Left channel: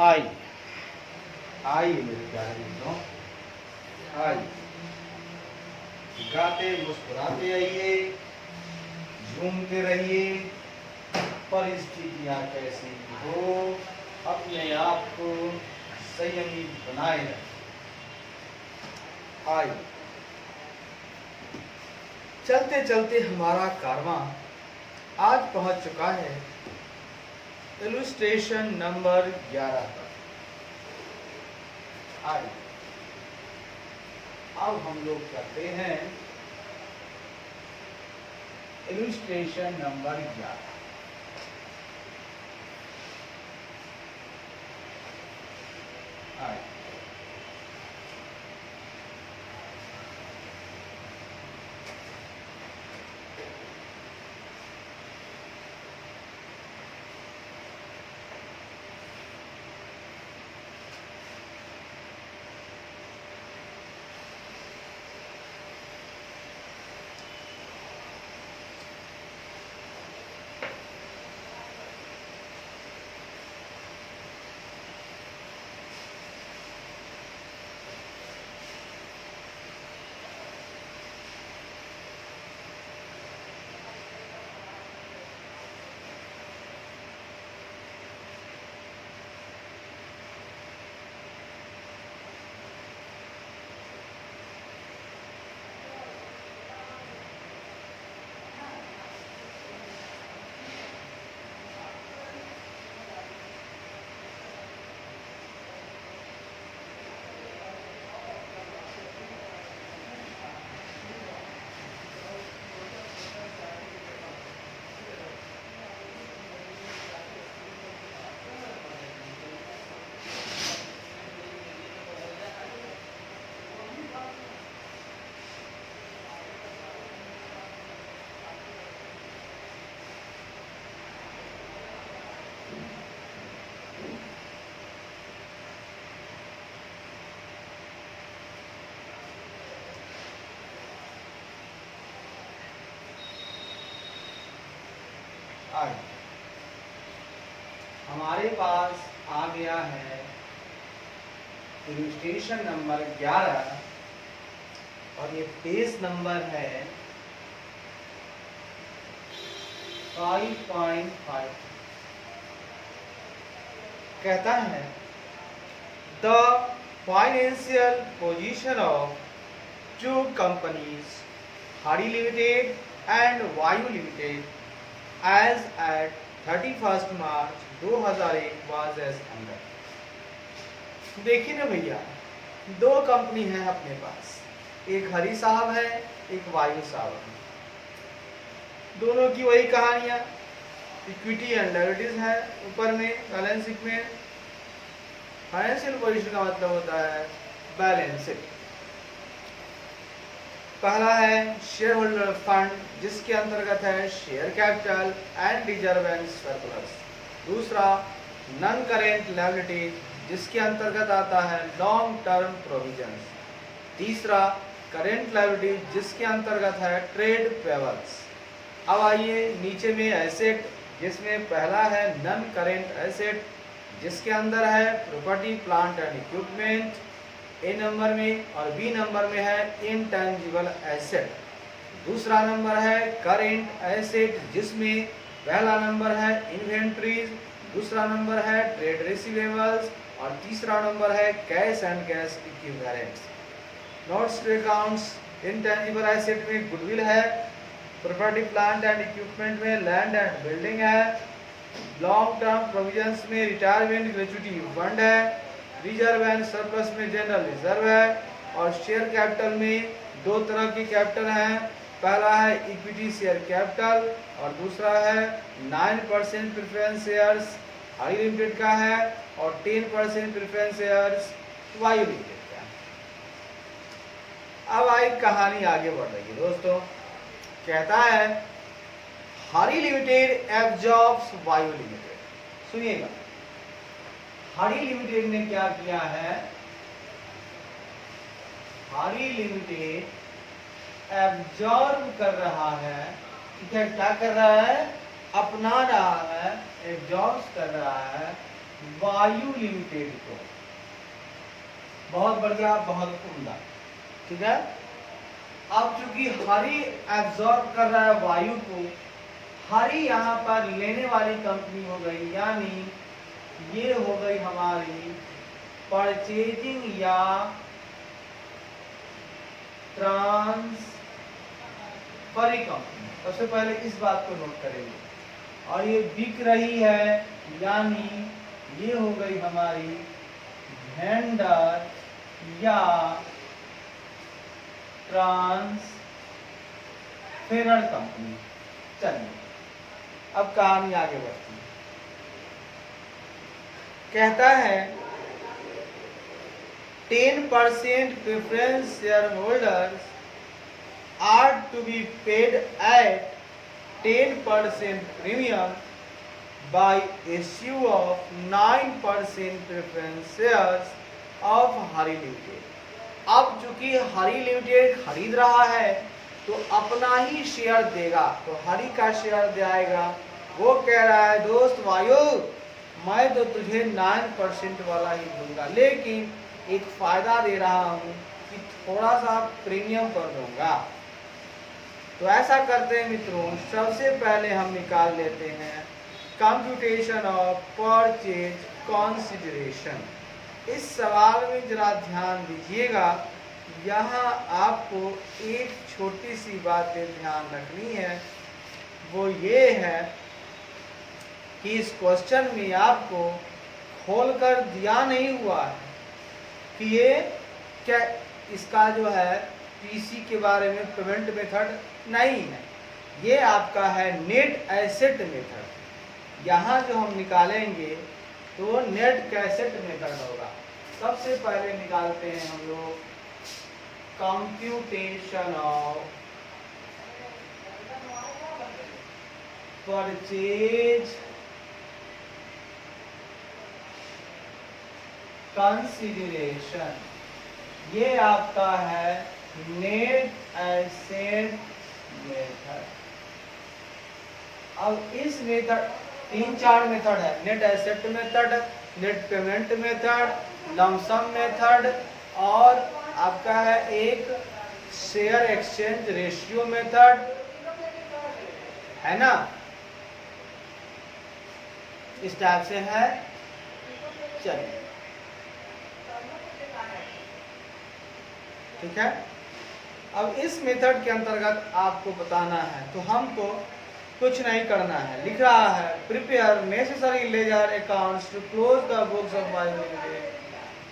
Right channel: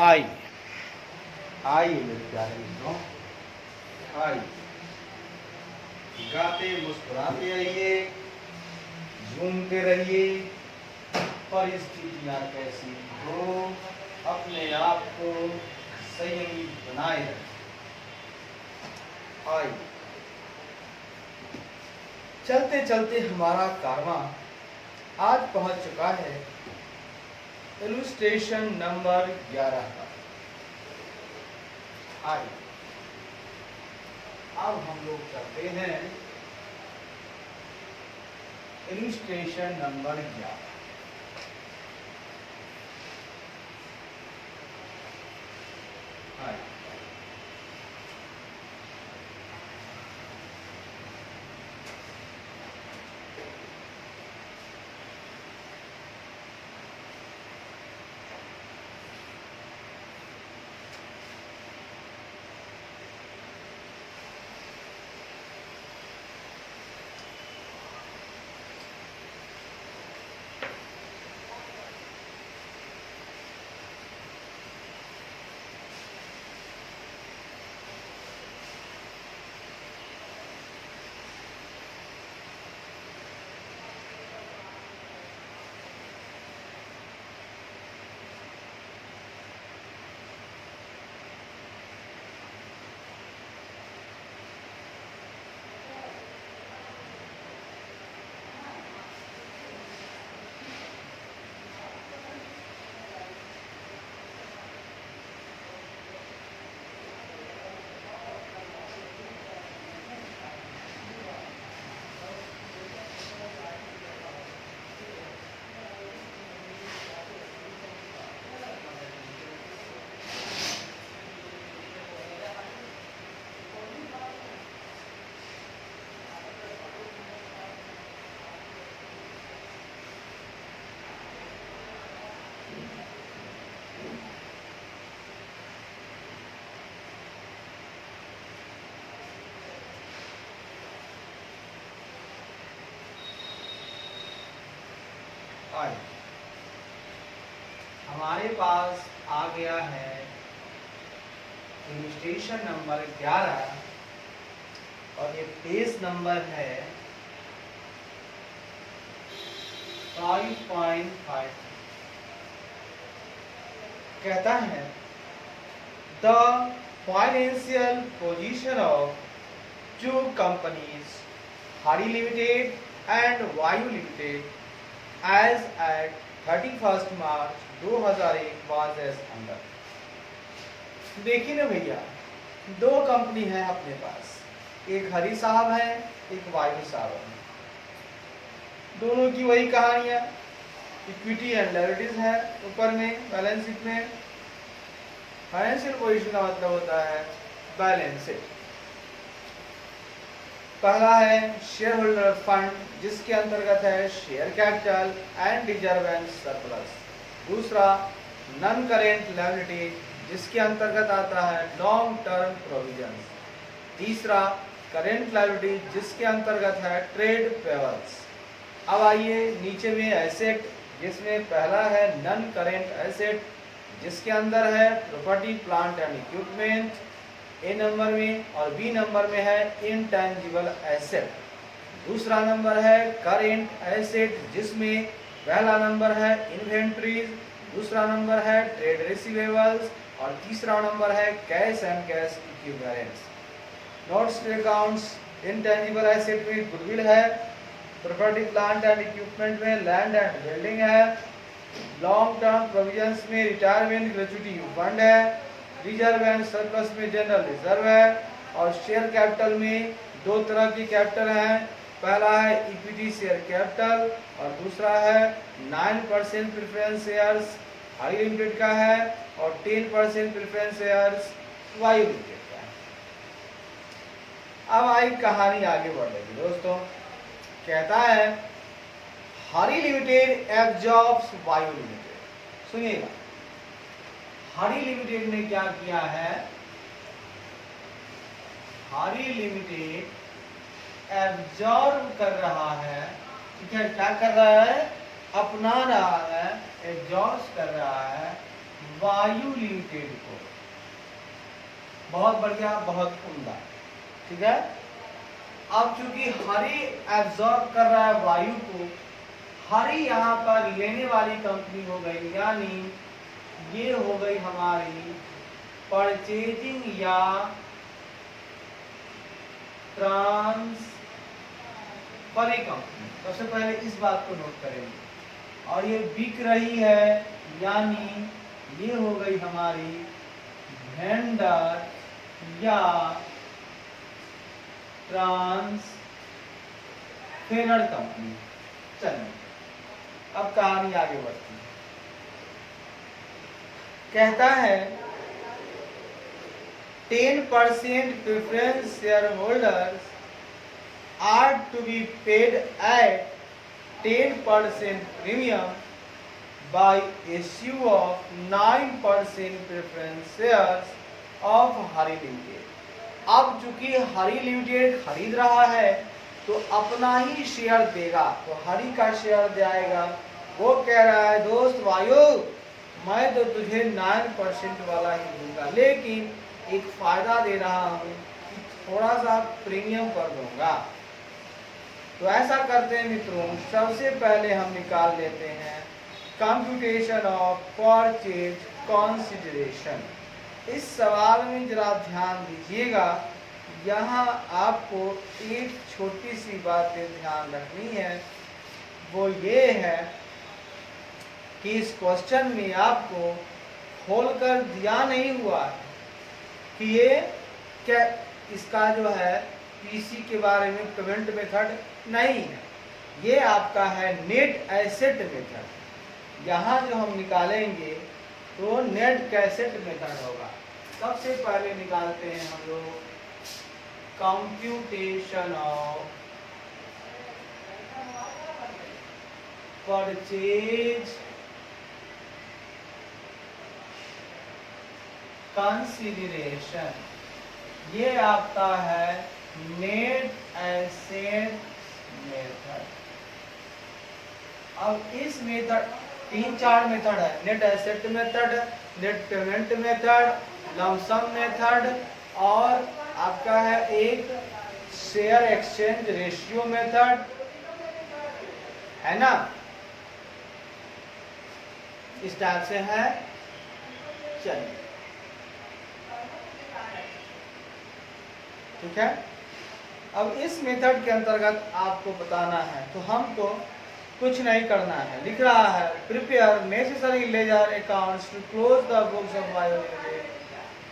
आई आई मेरे प्यारे मित्रों, आई। गाते मुस्कुराते आइए, झूमते रहिए। परिस्थितियां कैसी हो, अपने आप को संयमी बनाए रखें। आई। चलते चलते हमारा कारवां आज पहुंच चुका है इलुस्ट्रेशन नंबर 11 पर। आई। अब हम लोग करते हैं इलुस्ट्रेशन नंबर 11। आई। आई। हमारे पास आ गया है इलुस्ट्रेशन नंबर 11 और ये पेज नंबर है 5.5। कहता है the financial position of two companies Hari limited and Vayu limited as at 31st March 2001 was as under। देखिए ना भैया, दो कंपनी है अपने पास, एक हरी साहब है, एक वायु साहब है। दोनों की वही कहानियां, इक्विटी एंड लायबिलिटीज है ऊपर में बैलेंस शीट में। फाइनेंशियल पोजीशन का मतलब होता है बैलेंस शीट। पहला है शेयर होल्डर फंड, जिसके अंतर्गत है share capital and reserve and surplus. दूसरा नॉन करेंट लायबिलिटी, जिसके अंतर्गत आता है लॉन्ग टर्म प्रोविजंस। तीसरा करेंट लायबिलिटी, जिसके अंतर्गत है ट्रेड पेबल्स। अब आइए नीचे में एसेट, जिसमें पहला है नॉन करेंट एसेट, जिसके अंदर है property plant and equipment A number में, और बी नंबर में है इनटेंजिबल एसेट। दूसरा नंबर है करेंट एसेट, जिसमें पहला नंबर है इन्वेंट्रीज, दूसरा नंबर है ट्रेड रिसीवेबल्स और तीसरा नंबर है cash and cash equivalents. Notes to accounts, intangible asset में गुडविल है, प्रॉपर्टी प्लांट एंड इक्विपमेंट में लैंड एंड बिल्डिंग है, लॉन्ग टर्म प्रोविजंस में रिटायरमेंट ग्रेच्युटी फंड है, रिजर्व एंड सरप्लस में जनरल रिजर्व है, और शेयर कैपिटल में दो तरह की कैपिटल हैं। पहला है इक्विटी शेयर कैपिटल और दूसरा है 9% प्रेफरेंस शेयर्स हाई लिमिटेड का है और 10% प्रेफरेंस शेयर्स वायु लिमिटेड का। अब आई कहानी आगे बढ़ रही है दोस्तों। कहता है हारी लिमिटेड एब्जॉर्ब्स वायु लिमिटेड। सुनिएगा, हारी लिमिटेड ने क्या किया है, हारी लिमिटेड एब्जॉर्ब कर रहा है, क्या क्या कर रहा है, अपना रहा है, एब्जॉर्ब कर रहा है वायु लिमिटेड को। बहुत बढ़िया, बहुत उम्दा, ठीक है। अब चूंकि हरि एब्जॉर्ब कर रहा है वायु को, हरि यहाँ पर लेने वाली कंपनी हो गई, यानी ये हो गई हमारी परचेजिंग या ट्रांसफरी कंपनी। सबसे पहले इस बात को नोट करेंगे। और ये बिक रही है, यानी ये हो गई हमारी वेंडर या ट्रांसफेरर कंपनी। चलिए अब कहानी आगे बढ़ती है। कहता है 10% preference share holders are to be paid at 10% premium by issue of 9% preference shares of Hari limited. अब चूंकि हरी लिमिटेड खरीद रहा है तो अपना ही शेयर देगा, तो हरी का शेयर जाएगा। वो कह रहा है दोस्त वायु, मैं तो तुझे 9% वाला ही दूंगा, लेकिन एक फायदा दे रहा हूं कि थोड़ा सा प्रीमियम कर दूंगा। तो ऐसा करते हैं मित्रों, सबसे पहले हम निकाल लेते हैं कंप्यूटेशन ऑफ परचेज कंसीडरेशन। इस सवाल में जरा ध्यान दीजिएगा, यहाँ आपको एक छोटी सी बात पे ध्यान रखनी है, वो ये है कि इस क्वेश्चन में आपको खोलकर दिया नहीं हुआ है कि ये क्या, इसका जो है पीसी के बारे में पेमेंट मेथड नहीं है, ये आपका है नेट एसेट मेथड। यहाँ जो हम निकालेंगे तो नेट कैसेट मेथड होगा। सबसे पहले निकालते हैं हम लोग कंप्यूटेशन ऑफ परचेज कंसीडरेशन। ये आपका है नेट एसेट मेथड। अब इस मेथड 3-4 मेथड है, net asset method, net payment method, lump sum method, और आपका है एक शेयर एक्सचेंज रेशियो मेथड, है ना, इस टाइप से है। चलिए ठीक है। अब इस मेथड के अंतर्गत आपको बताना है, तो हमको कुछ नहीं करना है। लिख रहा है prepare necessary ledger accounts to close the books of Vayu limited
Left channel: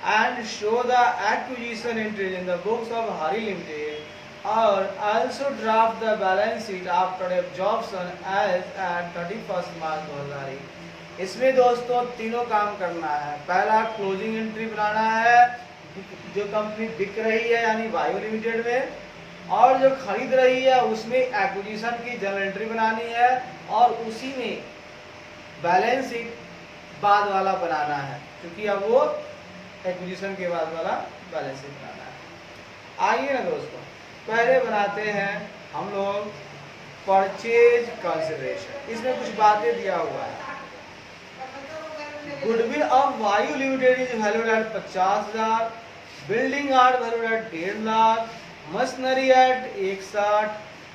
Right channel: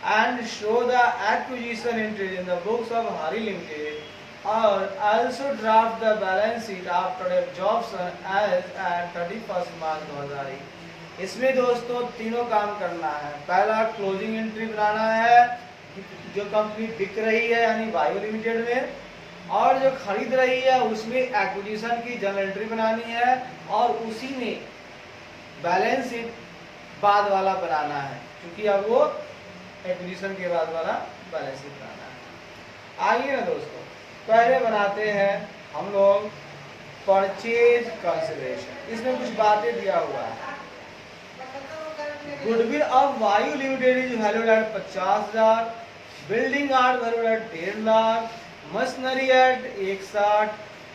and show the acquisition entries in the books of Hari limited और also draft the balance sheet after absorption as at 31 March 2008। इसमें दोस्तों तीनों काम करना है। पहला क्लोजिंग एंट्री बनाना है, जो कंपनी बिक रही है यानी वायु लिमिटेड में, और जो खरीद रही है उसमें एक्विजिशन की जर्नल एंट्री बनानी है, और उसी में बैलेंस शीट बाद वाला बनाना है, क्योंकि अब वो एक्विजिशन के बाद वाला बैलेंस शीट बनाना है। आइए ना दोस्तों, पहले बनाते हैं हम लोग परचेज कंसीडरेशन। इसमें कुछ बातें दिया हुआ है। Goodwill of Vayu limited is valued at 50,000, building are valued at 1.5 lakh, machinery at 160,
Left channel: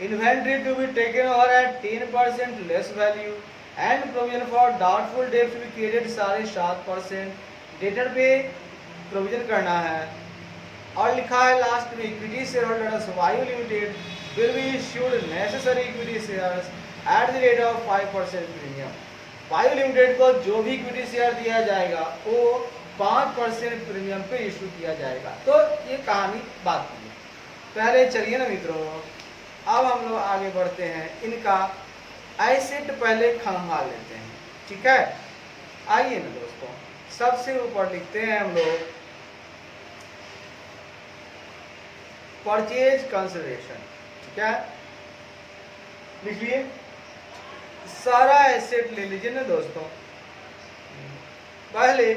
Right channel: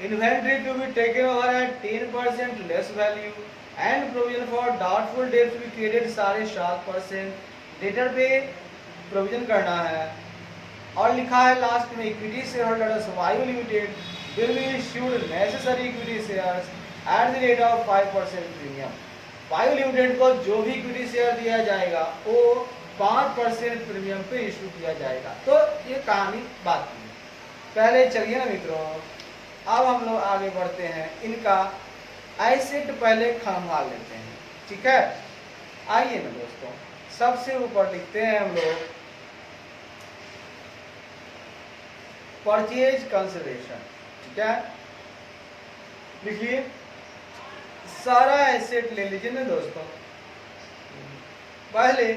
inventory to be taken over at 10% less value and provision for doubtful debt to be created 7.5%। Debtor पे provision करना है। और लिखा है लास्ट में equity share holders Vayu limited will be issued necessary equity shares at the rate of 5% premium. Vayu limited को जो भी इक्विटी शेयर दिया जाएगा वो 5% प्रीमियम पे इशू किया जाएगा। तो ये कहानी बात की। पहले चलिए ना मित्रों, अब हम लोग आगे बढ़ते हैं, इनका एसेट पहले खंगा लेते हैं, ठीक है। आइए ना दोस्तों, सबसे ऊपर लिखते हैं हम लोग परचेज कंसीडरेशन, ठीक है। लिखिए, सारा एसेट ले लीजिए ना दोस्तों। पहले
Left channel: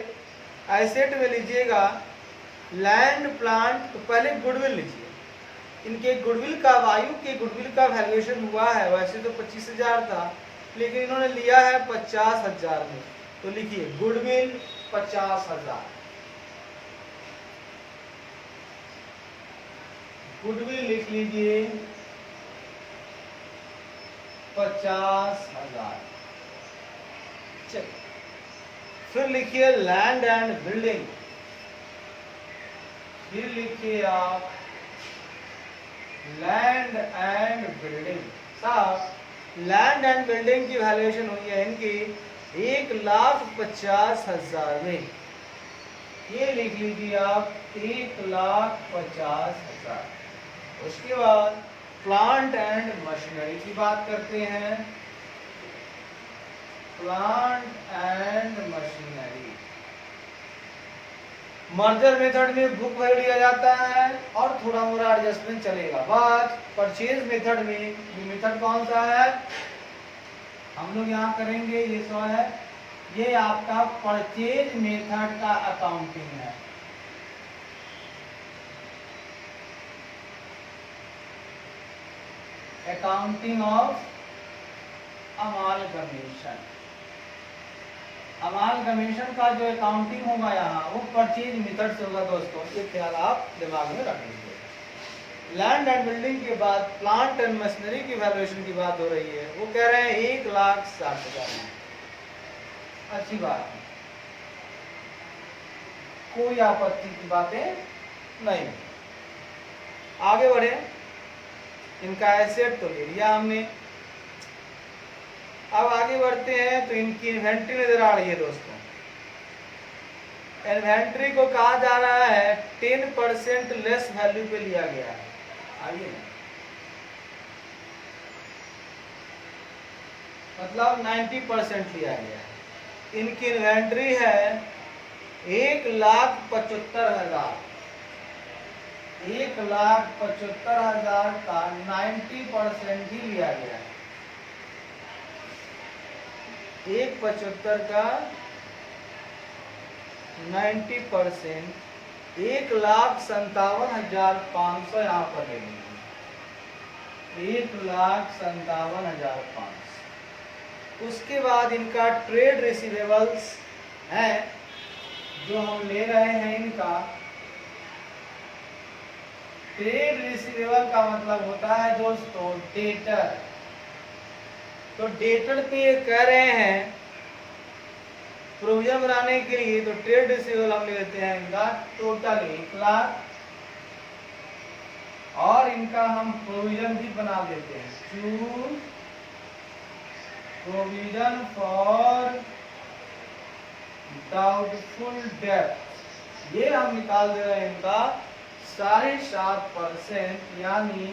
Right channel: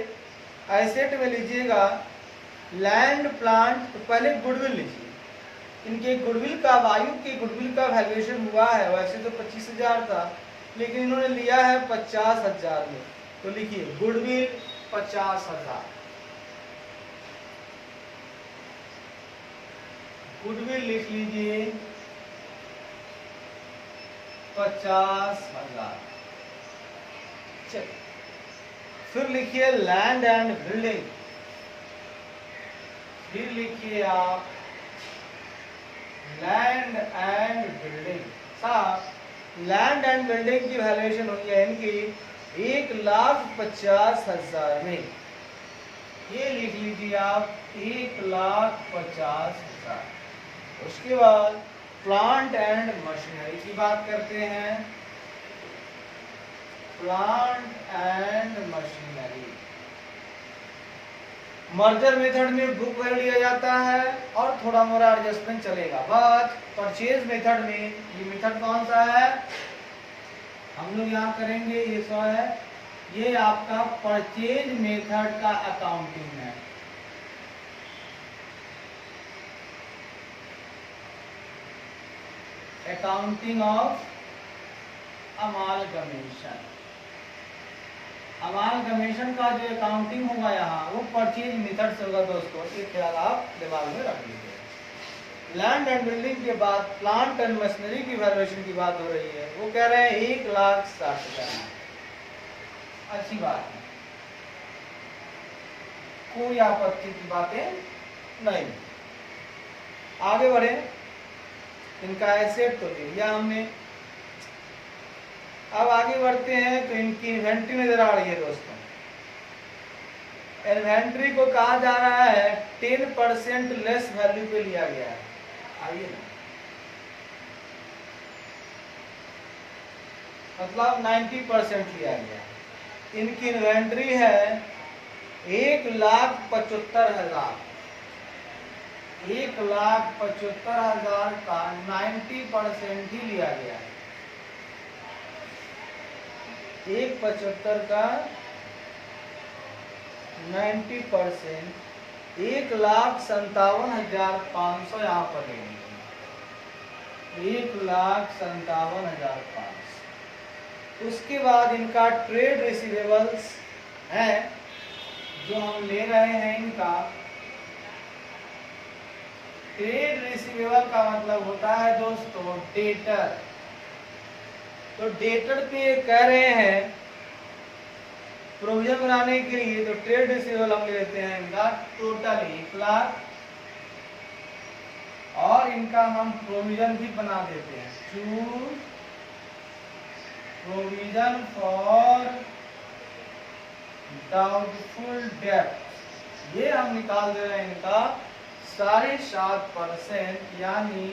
एसेट में लीजिएगा लैंड प्लांट, तो पहले गुडविल लीजिए। इनके गुडविल का, वायु के गुडविल का वैल्यूएशन हुआ है, वैसे तो 25,000 था, लेकिन इन्होंने लिया है 50,000 में, तो तो लिखिए गुडविल 50,000, गुडविल लिख लीजिए 50,000। चलिए फिर लिखिए लैंड एंड बिल्डिंग, फिर लिखिए आप लैंड एंड बिल्डिंग। साहब लैंड एंड बिल्डिंग की वैल्यूएशन हुई है इनकी 1,50,000 में, ये लिख लीजिए आप 1,50,000। उसके बाद प्लांट एंड मशीनरी की बात करते हैं, plant and machinery. Merger method में बुक वैल्यू लिया जाता है और थोड़ा मोड़ा एडजस्टमेंट चलेगा, बट परचेज मेथड में ये मेथड कौन सा है हम लोग यहाँ करेंगे, ये सो है, ये आपका परचेज मेथड का अकाउंटिंग है। अकाउंटिंग ऑफ अमालगमेशन, अमालगमेशन का जो अकाउंटिंग होगा यहाँ वो परचेज मेथड से होगा दोस्तों, ये ख्याल आप दिमाग में रख लीजिए। लैंड एंड बिल्डिंग के बाद प्लांट एंड मशीनरी की वैल्यूएशन की बात हो रही है, वो कह रहे हैं 1,60,000। अच्छी बात है, कोई आपत्ति की बातें नहीं। आगे बढ़े, इनका एसेट तो ले लिया हमने, अब आगे बढ़ते हैं तो इनकी इन्वेंट्री नजर आ रही है दोस्तों। इन्वेंट्री को कहा जा रहा है 10% लेस वैल्यू पे लिया गया है। आइए ना, मतलब 90% लिया गया है। इनकी इन्वेंट्री है 1,75,000, 1,75,000 का 90% ही लिया गया है। 1,75,000 का 90%, 1,57,500 यहाँ पर लेंगे, 1,57,500। उसके बाद इनका ट्रेड रिसीवेबल्स है जो हम ले रहे हैं, इनका ट्रेड रिसीवेबल का मतलब होता है दोस्तों डेटर। तो डेटर पे कह रहे हैं प्रोविजन बनाने के लिए, तो ट्रेड रिसीवेबल हम लेते हैं इनका टोटल 1,00,000 और इनका हम प्रोविजन भी बना देते हैं, टू प्रोविजन फॉर डाउटफुल डेब्ट, ये हम निकाल दे रहे हैं इनका 7.5%, यानी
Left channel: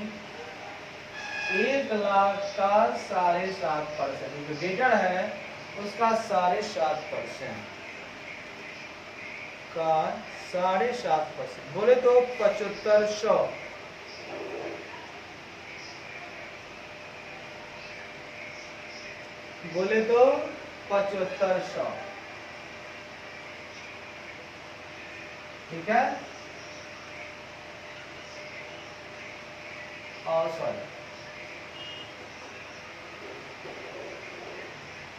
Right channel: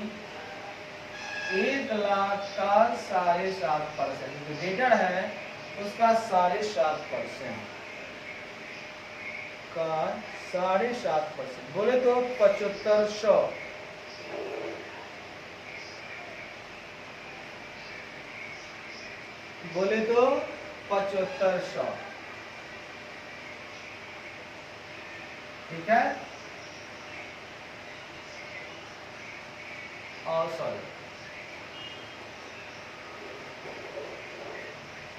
1,00,000 का 7.5%, जो डेटर है उसका 7.5% का 7.5%, बोले तो 7,500, बोले तो 7,500, ठीक है। और सॉरी,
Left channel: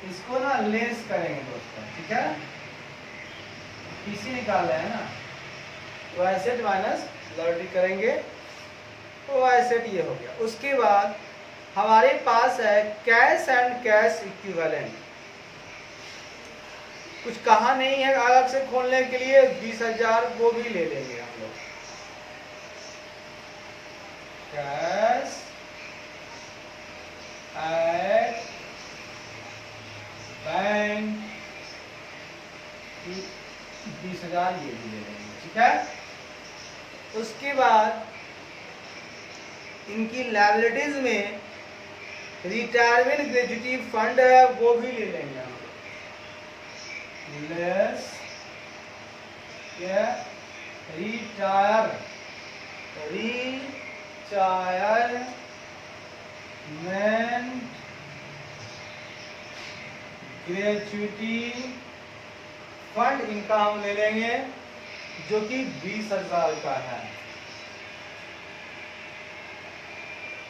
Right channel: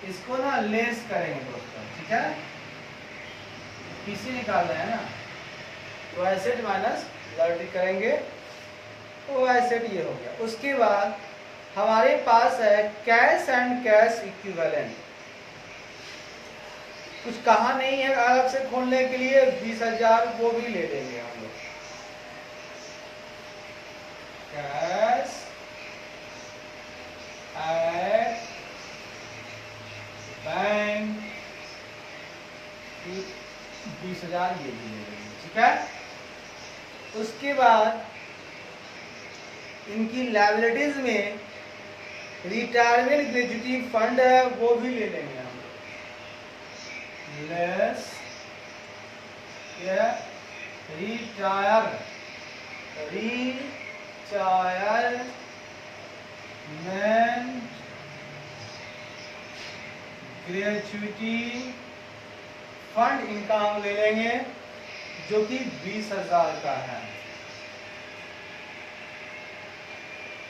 इसको ना लेस करेंगे दोस्तों, ठीक है, पीसी निकाल रहे हैं ना, तो एसेट माइनस लायबिलिटी करेंगे, तो एसेट ये हो गया। उसके बाद हमारे पास है कैश एंड कैश इक्विवेलेंट, कुछ कहा नहीं है अलग से खोलने के लिए, 20,000 वो भी ले लेंगे हम लोग। कैश एट बैंक 20,000 ये भी ले लेंगे, ठीक है। उसके बाद इनकी लायबिलिटीज में रिटायरमेंट ग्रेजुटी फंड है, वो भी ले लेंगे हम लोग, लेस रिटायरमेंट ग्रेजुटी फंड इनका हम ले लेंगे, जो कि 20,000 का है,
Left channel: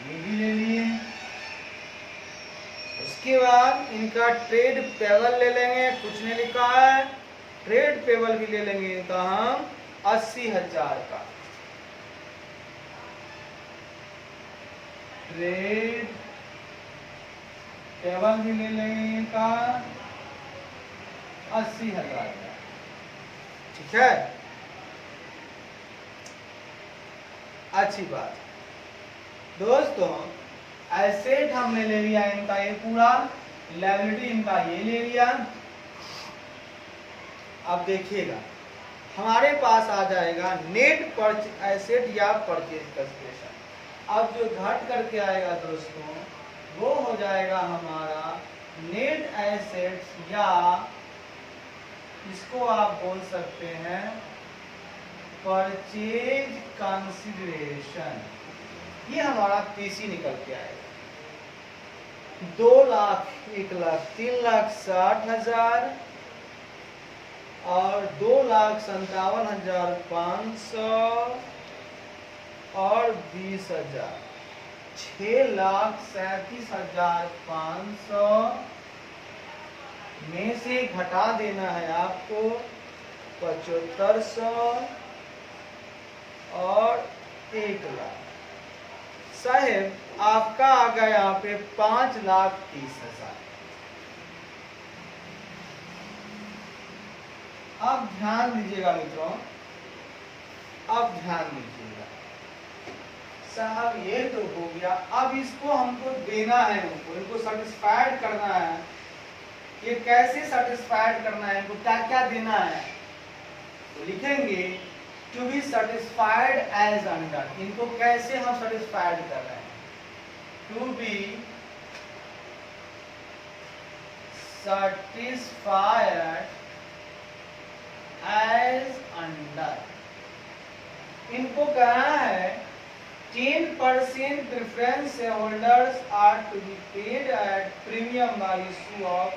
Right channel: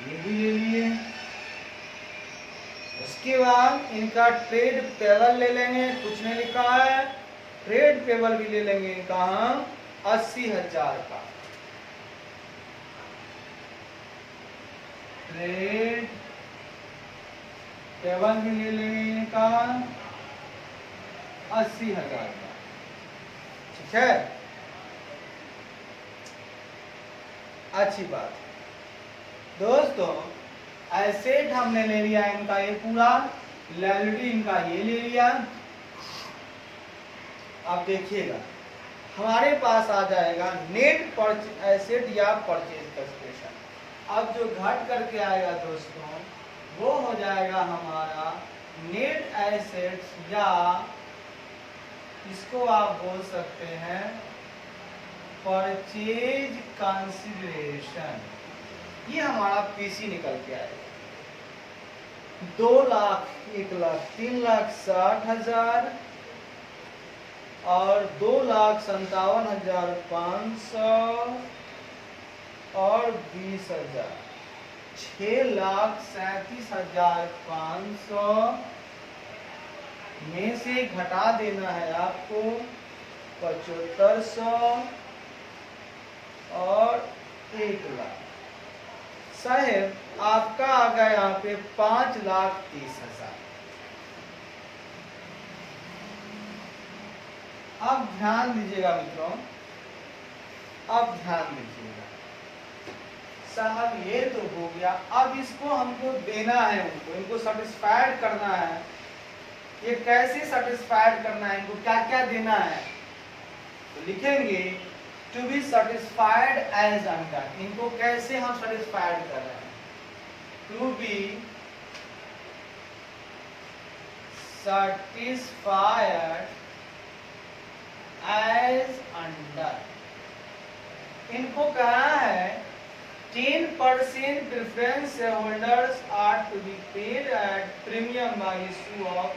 ये भी ले लिए। इसके बाद इनका ट्रेड पेबल ले लेंगे, कुछ नहीं लिखा है, ट्रेड पेबल भी ले लेंगे इनका हम 80,000 का। ट्रेड पेबल भी ले लेंगे इनका 80,000 का, ठीक है। अच्छी बात दोस्तों, एसेट हमने ले लिया इनका ये पूरा, लायबिलिटी इनका ये ले लिया। अब देखिएगा हमारे पास आ जाएगा नेट एसेट या परचेज कंसिडरेशन। अब जो घट करके आएगा दोस्तों वो हो जाएगा हमारा नेट एसेट्स, या इसको आप बोल सकते हैं परचेज कंसिडरेशन। ये हमारा पीसी निकल के आएगा 2 लाख, 1 लाख, 3 लाख 60,000 और 2,57,500 और 20,000, 6,37,500 में से घटा देना है आपको 7500 और 1 लाख। साहेब आपका आ गया यहाँ पे 5,30,000। अब ध्यान दीजिएगा मित्रों, अब ध्यान दीजिएगा साहब, ये तो हो गया। अब इसको हमको देना है, इनको सेटिस्फाइड करना है। ये कैसे सेटिस्फाइड करना है, इनको क्या क्या देना है, तो लिखेंगे to be satisfied as under. इनको कैसे हम सेटिस्फाइड कर रहे हैं, to be satisfied as under. इनको कहना है 10% preference shareholders are to be paid at premium by issue of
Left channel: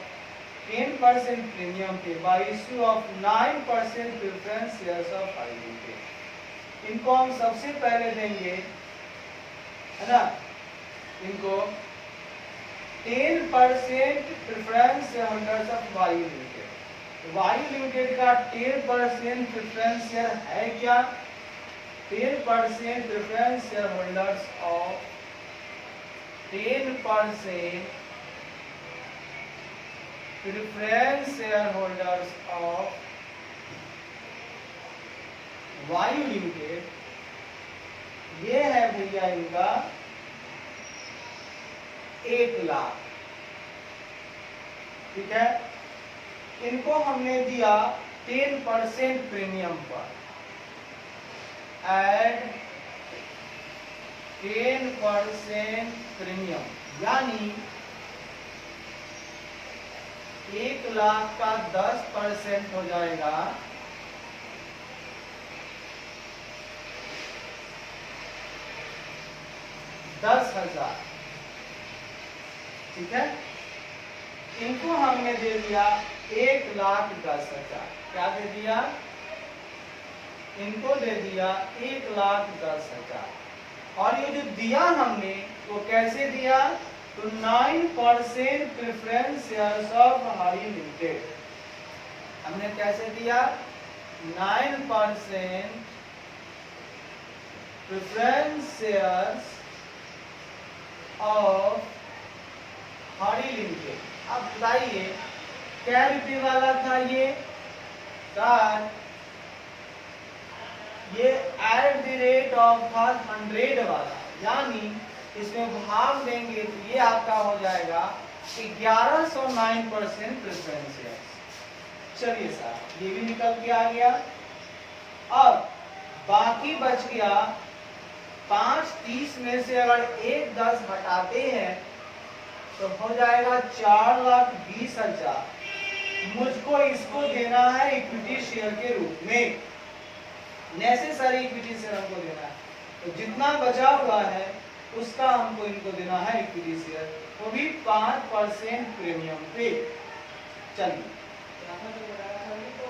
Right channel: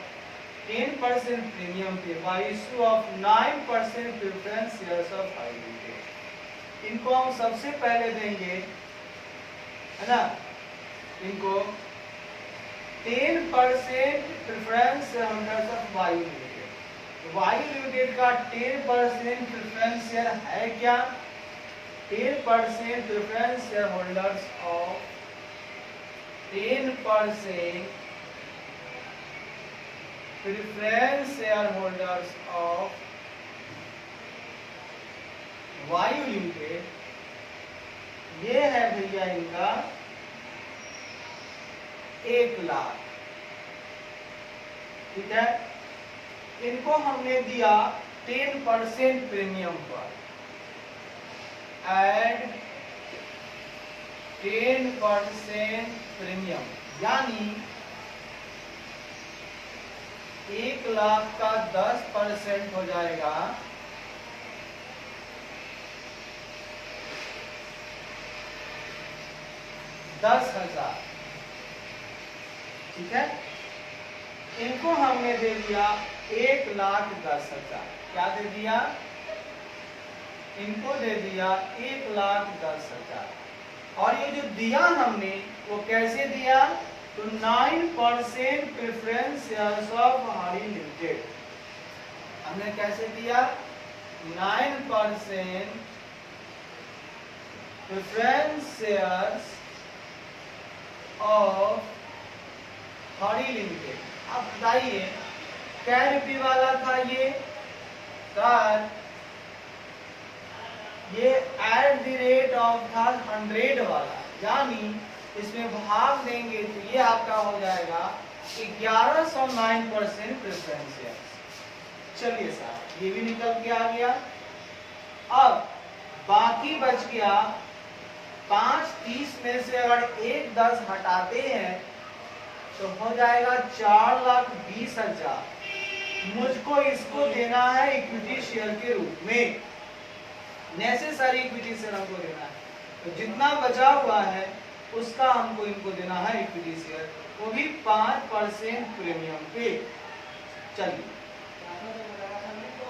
10% premium पे by issue of 9% preference shares of Hari limited. इनको हम सबसे पहले देंगे, है ना, इनको 10% preference shareholders of Vayu limited. Vayu limited का 10% प्रेफरेंस शेयर है क्या, 10% preference share holders of 10% preference share holders of Vayu limited, ये है भैया इनका 1 लाख, ठीक है। इनको हमने दिया 10% प्रीमियम पर, एड 10% प्रीमियम, यानी 1 लाख का 10% हो जाएगा 10,000, ठीक है। इनको हमने दे दिया 1,10,000। क्या दे दिया, इनको दे दिया 1,10,000। और ये जो दिया हमने वो कैसे दिया, तो 9% प्रेफरेंस शेयर्स ऑफ हमारी लिमिटेड। हमने कैसे दिया, 9% प्रेफरेंस शेयर्स ऑफ हमारी लिमिटेड। अब बताइए क्या रुपये वाला था ये सर, ये एट द रेट ऑफ था 100 वाला, यानी इसमें भाग देंगे तो ये आपका हो जाएगा 1109% प्रेफरेंस शेयर। चलिए सर ये भी निकल के आ गया। अब बाकी बच गया 5,30 में से अगर 1,10 हटाते हैं तो हो जाएगा 4,20,000। मुझको इसको देना है इक्विटी शेयर के रूप में, नेसेसरी इक्विटी शेयर हमको देना है। तो जितना बचा हुआ है उसका हमको इनको देना है इक्विटी शेयर, वो भी 5% प्रीमियम पे। चलिए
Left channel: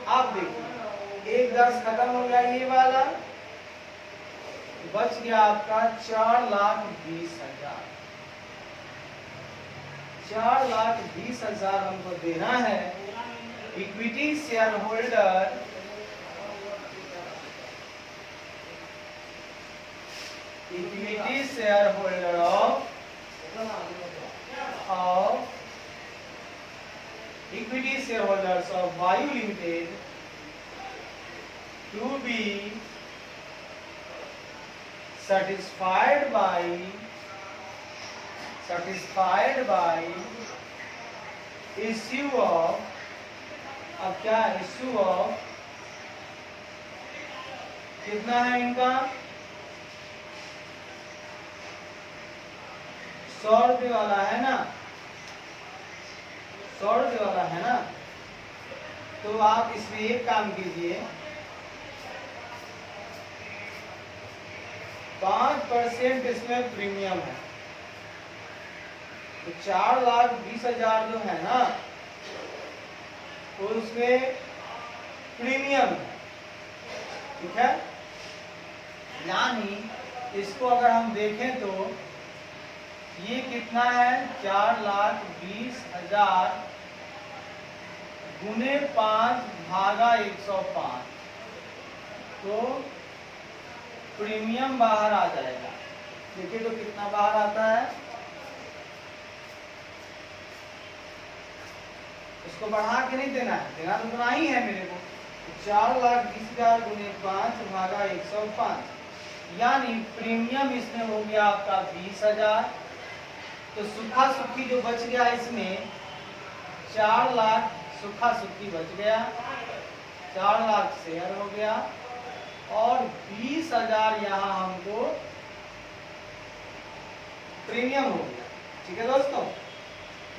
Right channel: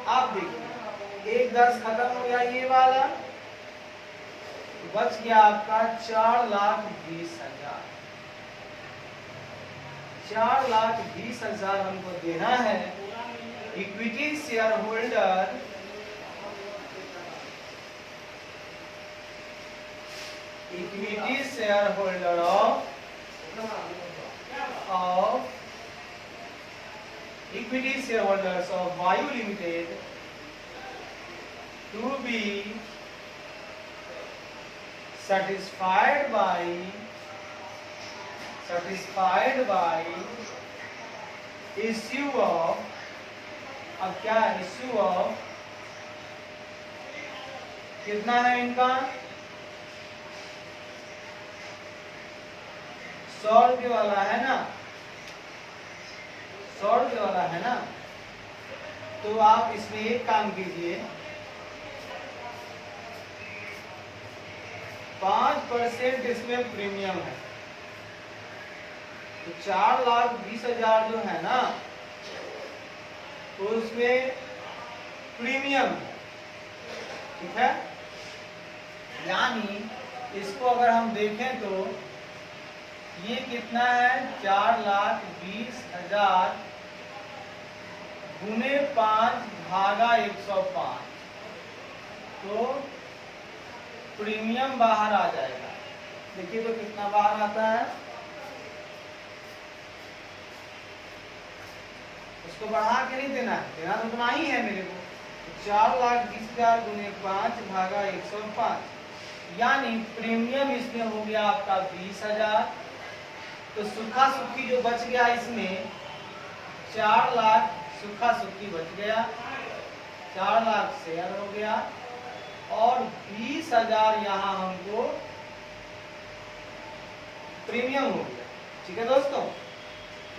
आप देखिए 1,10 खत्म हो गया ये वाला, बच गया आपका 4,20,000। 4,20,000 हमको देना है। Equity share holder equity shareholders of Vayu Limited to be satisfied by issue of, अब क्या इश्यू ऑफ, कितना है इनका 100 रुपये वाला है ना, 100 रुपये वाला है ना। तो आप इसमें एक काम कीजिए, 5% इसमें प्रीमियम है, तो 4,20,000 जो है ना, तो उसमें प्रीमियम है, ठीक है। यानी इसको अगर हम देखें तो ये कितना है, 4,20,000 गुने 5 भागा 105, तो प्रीमियम बाहर आ जाएगा। देखिए तो कितना बाहर आता है, इसको बढ़ा के नहीं देना है, देना तो उतना ही है मेरे को। 4,20,000 गुने 5 भागा 105, यानी प्रीमियम इसमें हो गया आपका 20,000। तो सुखा सुखी जो बच गया इसमें 4 लाख सुखा सुखी बच गया, 4 लाख शेयर हो गया, और 20,000 यहाँ हमको प्रीमियम हो गया। ठीक है दोस्तों,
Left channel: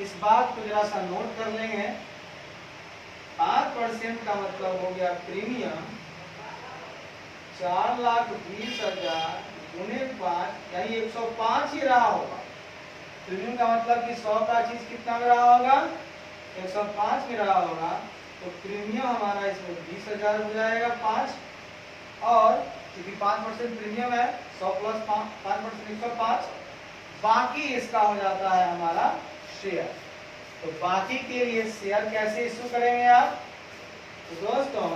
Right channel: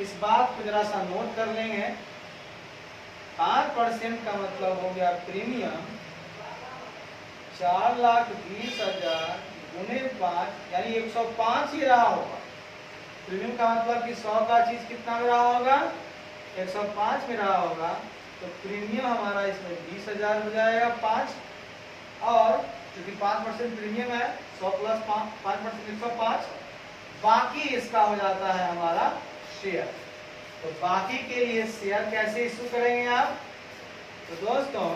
इस बात को जरा सा नोट कर लेंगे। 5% का मतलब हो गया प्रीमियम, 4,20,000 गुने 5 यानी 105 ही रहा होगा। प्रीमियम का मतलब कि 100 का चीज कितना में रहा होगा, 105 में रहा होगा। तो प्रीमियम हमारा इसमें 20,000 हो जाएगा 5, और क्योंकि 5% प्रीमियम है, 100 प्लस 5% 105, बाकी इसका हो जाता है हमारा शेयर। तो बाकी के लिए शेयर कैसे इशू करेंगे आप, तो दोस्तों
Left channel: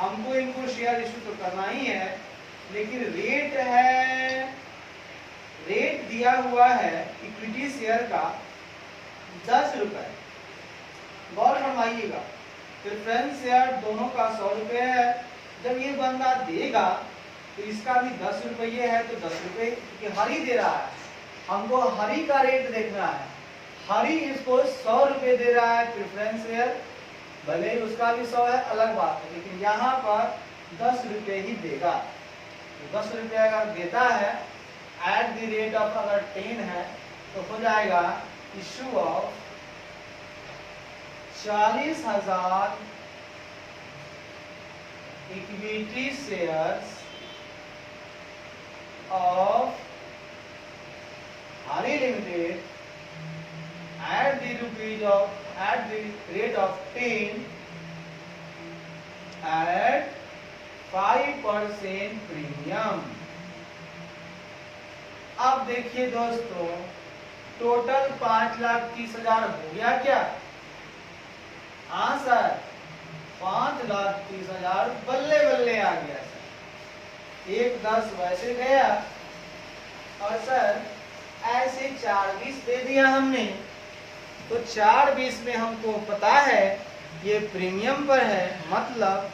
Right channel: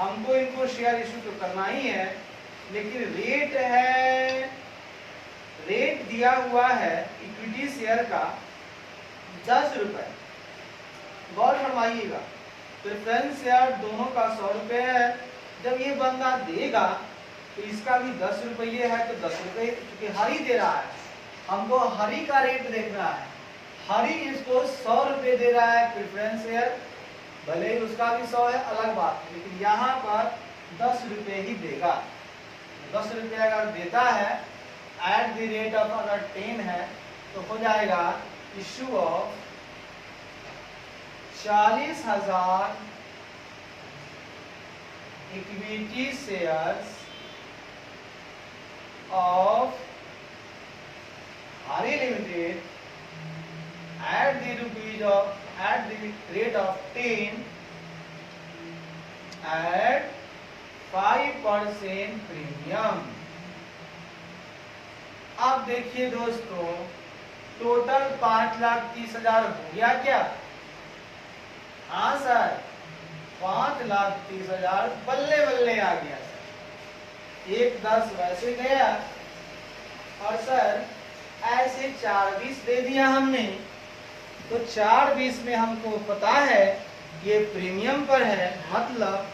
हमको इनको शेयर इशू तो करना ही है, लेकिन रेट दिया हुआ है इक्विटी शेयर का 10 रुपए। गौर फरमाइएगा, प्रेफरेंस शेयर दोनों का 100 रुपए है। जब ये बंदा देगा तो इसका भी 10 रुपये है, तो 10 रुपये क्योंकि हरी दे रहा है, हमको हरी का रेट देखना है। हरी इसको 100 रुपये दे रहा है प्रेफरेंस शेयर, भले ही उसका भी 100 है अलग बात है, लेकिन यहाँ पर 10 रुपये ही देगा। 10 रुपये अगर देता है एट द रेट ऑफ, अगर 10 है तो हो जाएगा issue of 40,000 equity shares of Hari Limited at the rate of 10 at 5% premium. अब देखिए दोस्तों, टोटल 5,30,000 हो गया क्या? हाँ सर, 5,30,000 बल्ले बल्ले आ गया सर। 1,10 वैसे गया, और सर ऐसे 4,20 दे दिया हमने, तो 4,20 में हमको पता है ये प्रीमियम पर है, मतलब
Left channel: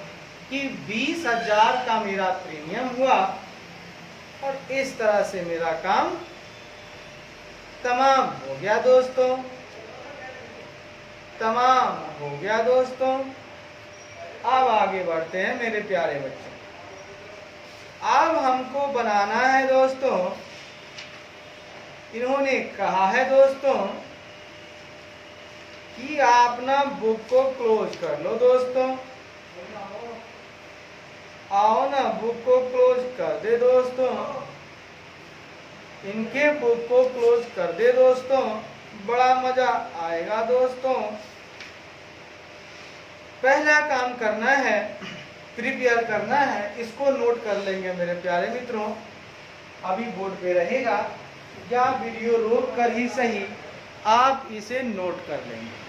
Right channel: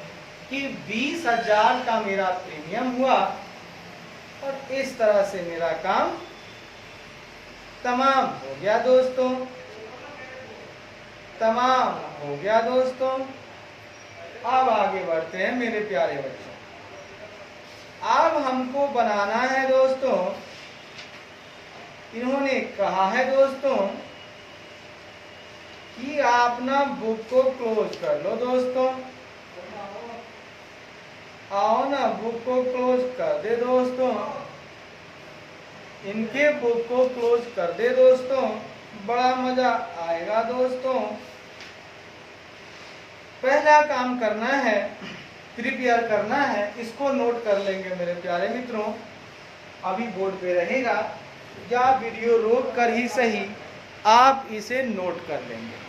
कि 20,000 का मेरा प्रीमियम हुआ, और इस तरह से मेरा काम तमाम हो गया दोस्तों, तमाम हो गया दोस्तों। अब आगे बढ़ते हैं मेरे प्यारे बच्चों। अब हमको बनाना है दोस्तों, इन्होंने कहा है दोस्तों कि आप ना बुक को क्लोज कर लो दोस्तों। आओ ना बुक को क्लोज कर दे दोस्तों, इनके बुक को क्लोज कर दे दोस्तों, बड़ा मजा आएगा दोस्तों। पहला काम करना है, प्रिपेयर करना है, इसको नोट कर लेंगे मेरे प्यारे मित्रों। अभी बोर्ड पे रहेगा, या वीडियो रोक कर ही सही आप इसे नोट कर लेंगे।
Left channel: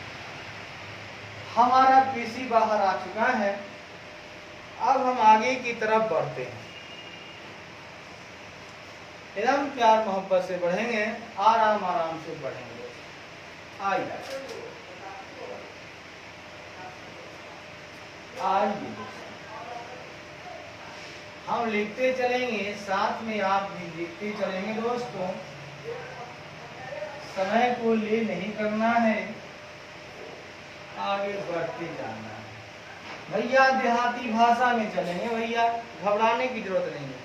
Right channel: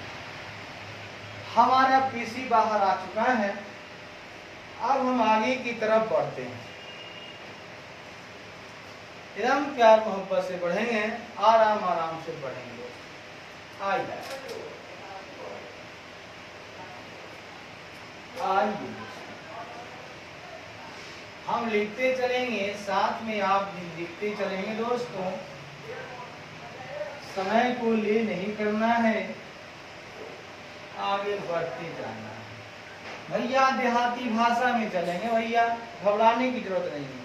हमारा पीसी बाहर आ चुका है। अब हम आगे की तरफ बढ़ते हैं। एकदम प्यार मोहब्बत से बढ़ेंगे, आराम आराम से बढ़ेंगे। आइए हम लिखते चलेंगे, साथ में आप भी लिखते चलेंगे दोस्तों। समय को ले नहीं करना है, आगे बढ़ते जाना है। भैया देहाती भाषा में चलेंगे भैया, घबराने की जरूरत नहीं है।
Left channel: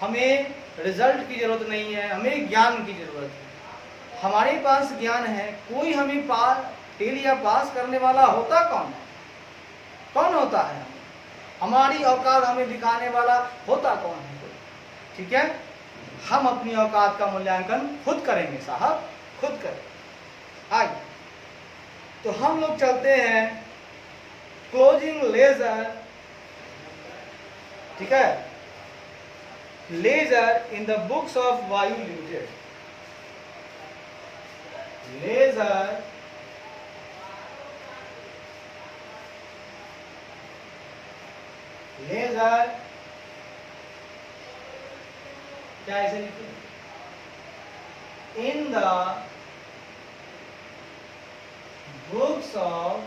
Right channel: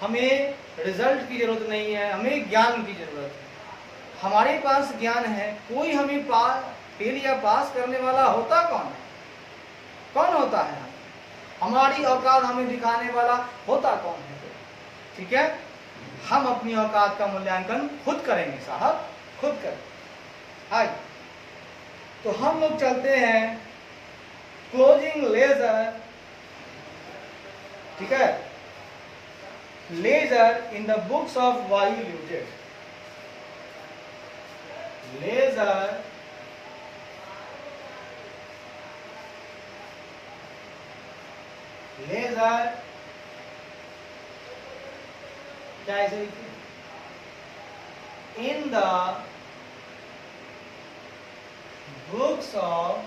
हमें रिजल्ट की जरूरत नहीं है, हमें ज्ञान की जरूरत है। हमारे पास ज्ञान है। कोई हमें फेल या पास करने वाला होता कौन है? कौन होता है? हमारी औकात हमें दिखाने वाला होता कौन है? ठीक है, हम अपनी औकात का मूल्यांकन खुद करेंगे साहब, खुद करें। आइए तो हम लोग चलते हैं क्लोजिंग लेजर। ठीक है, ledger in the books of Vayu limited. Ledger क्या ऐसे लिखते हैं? In the books of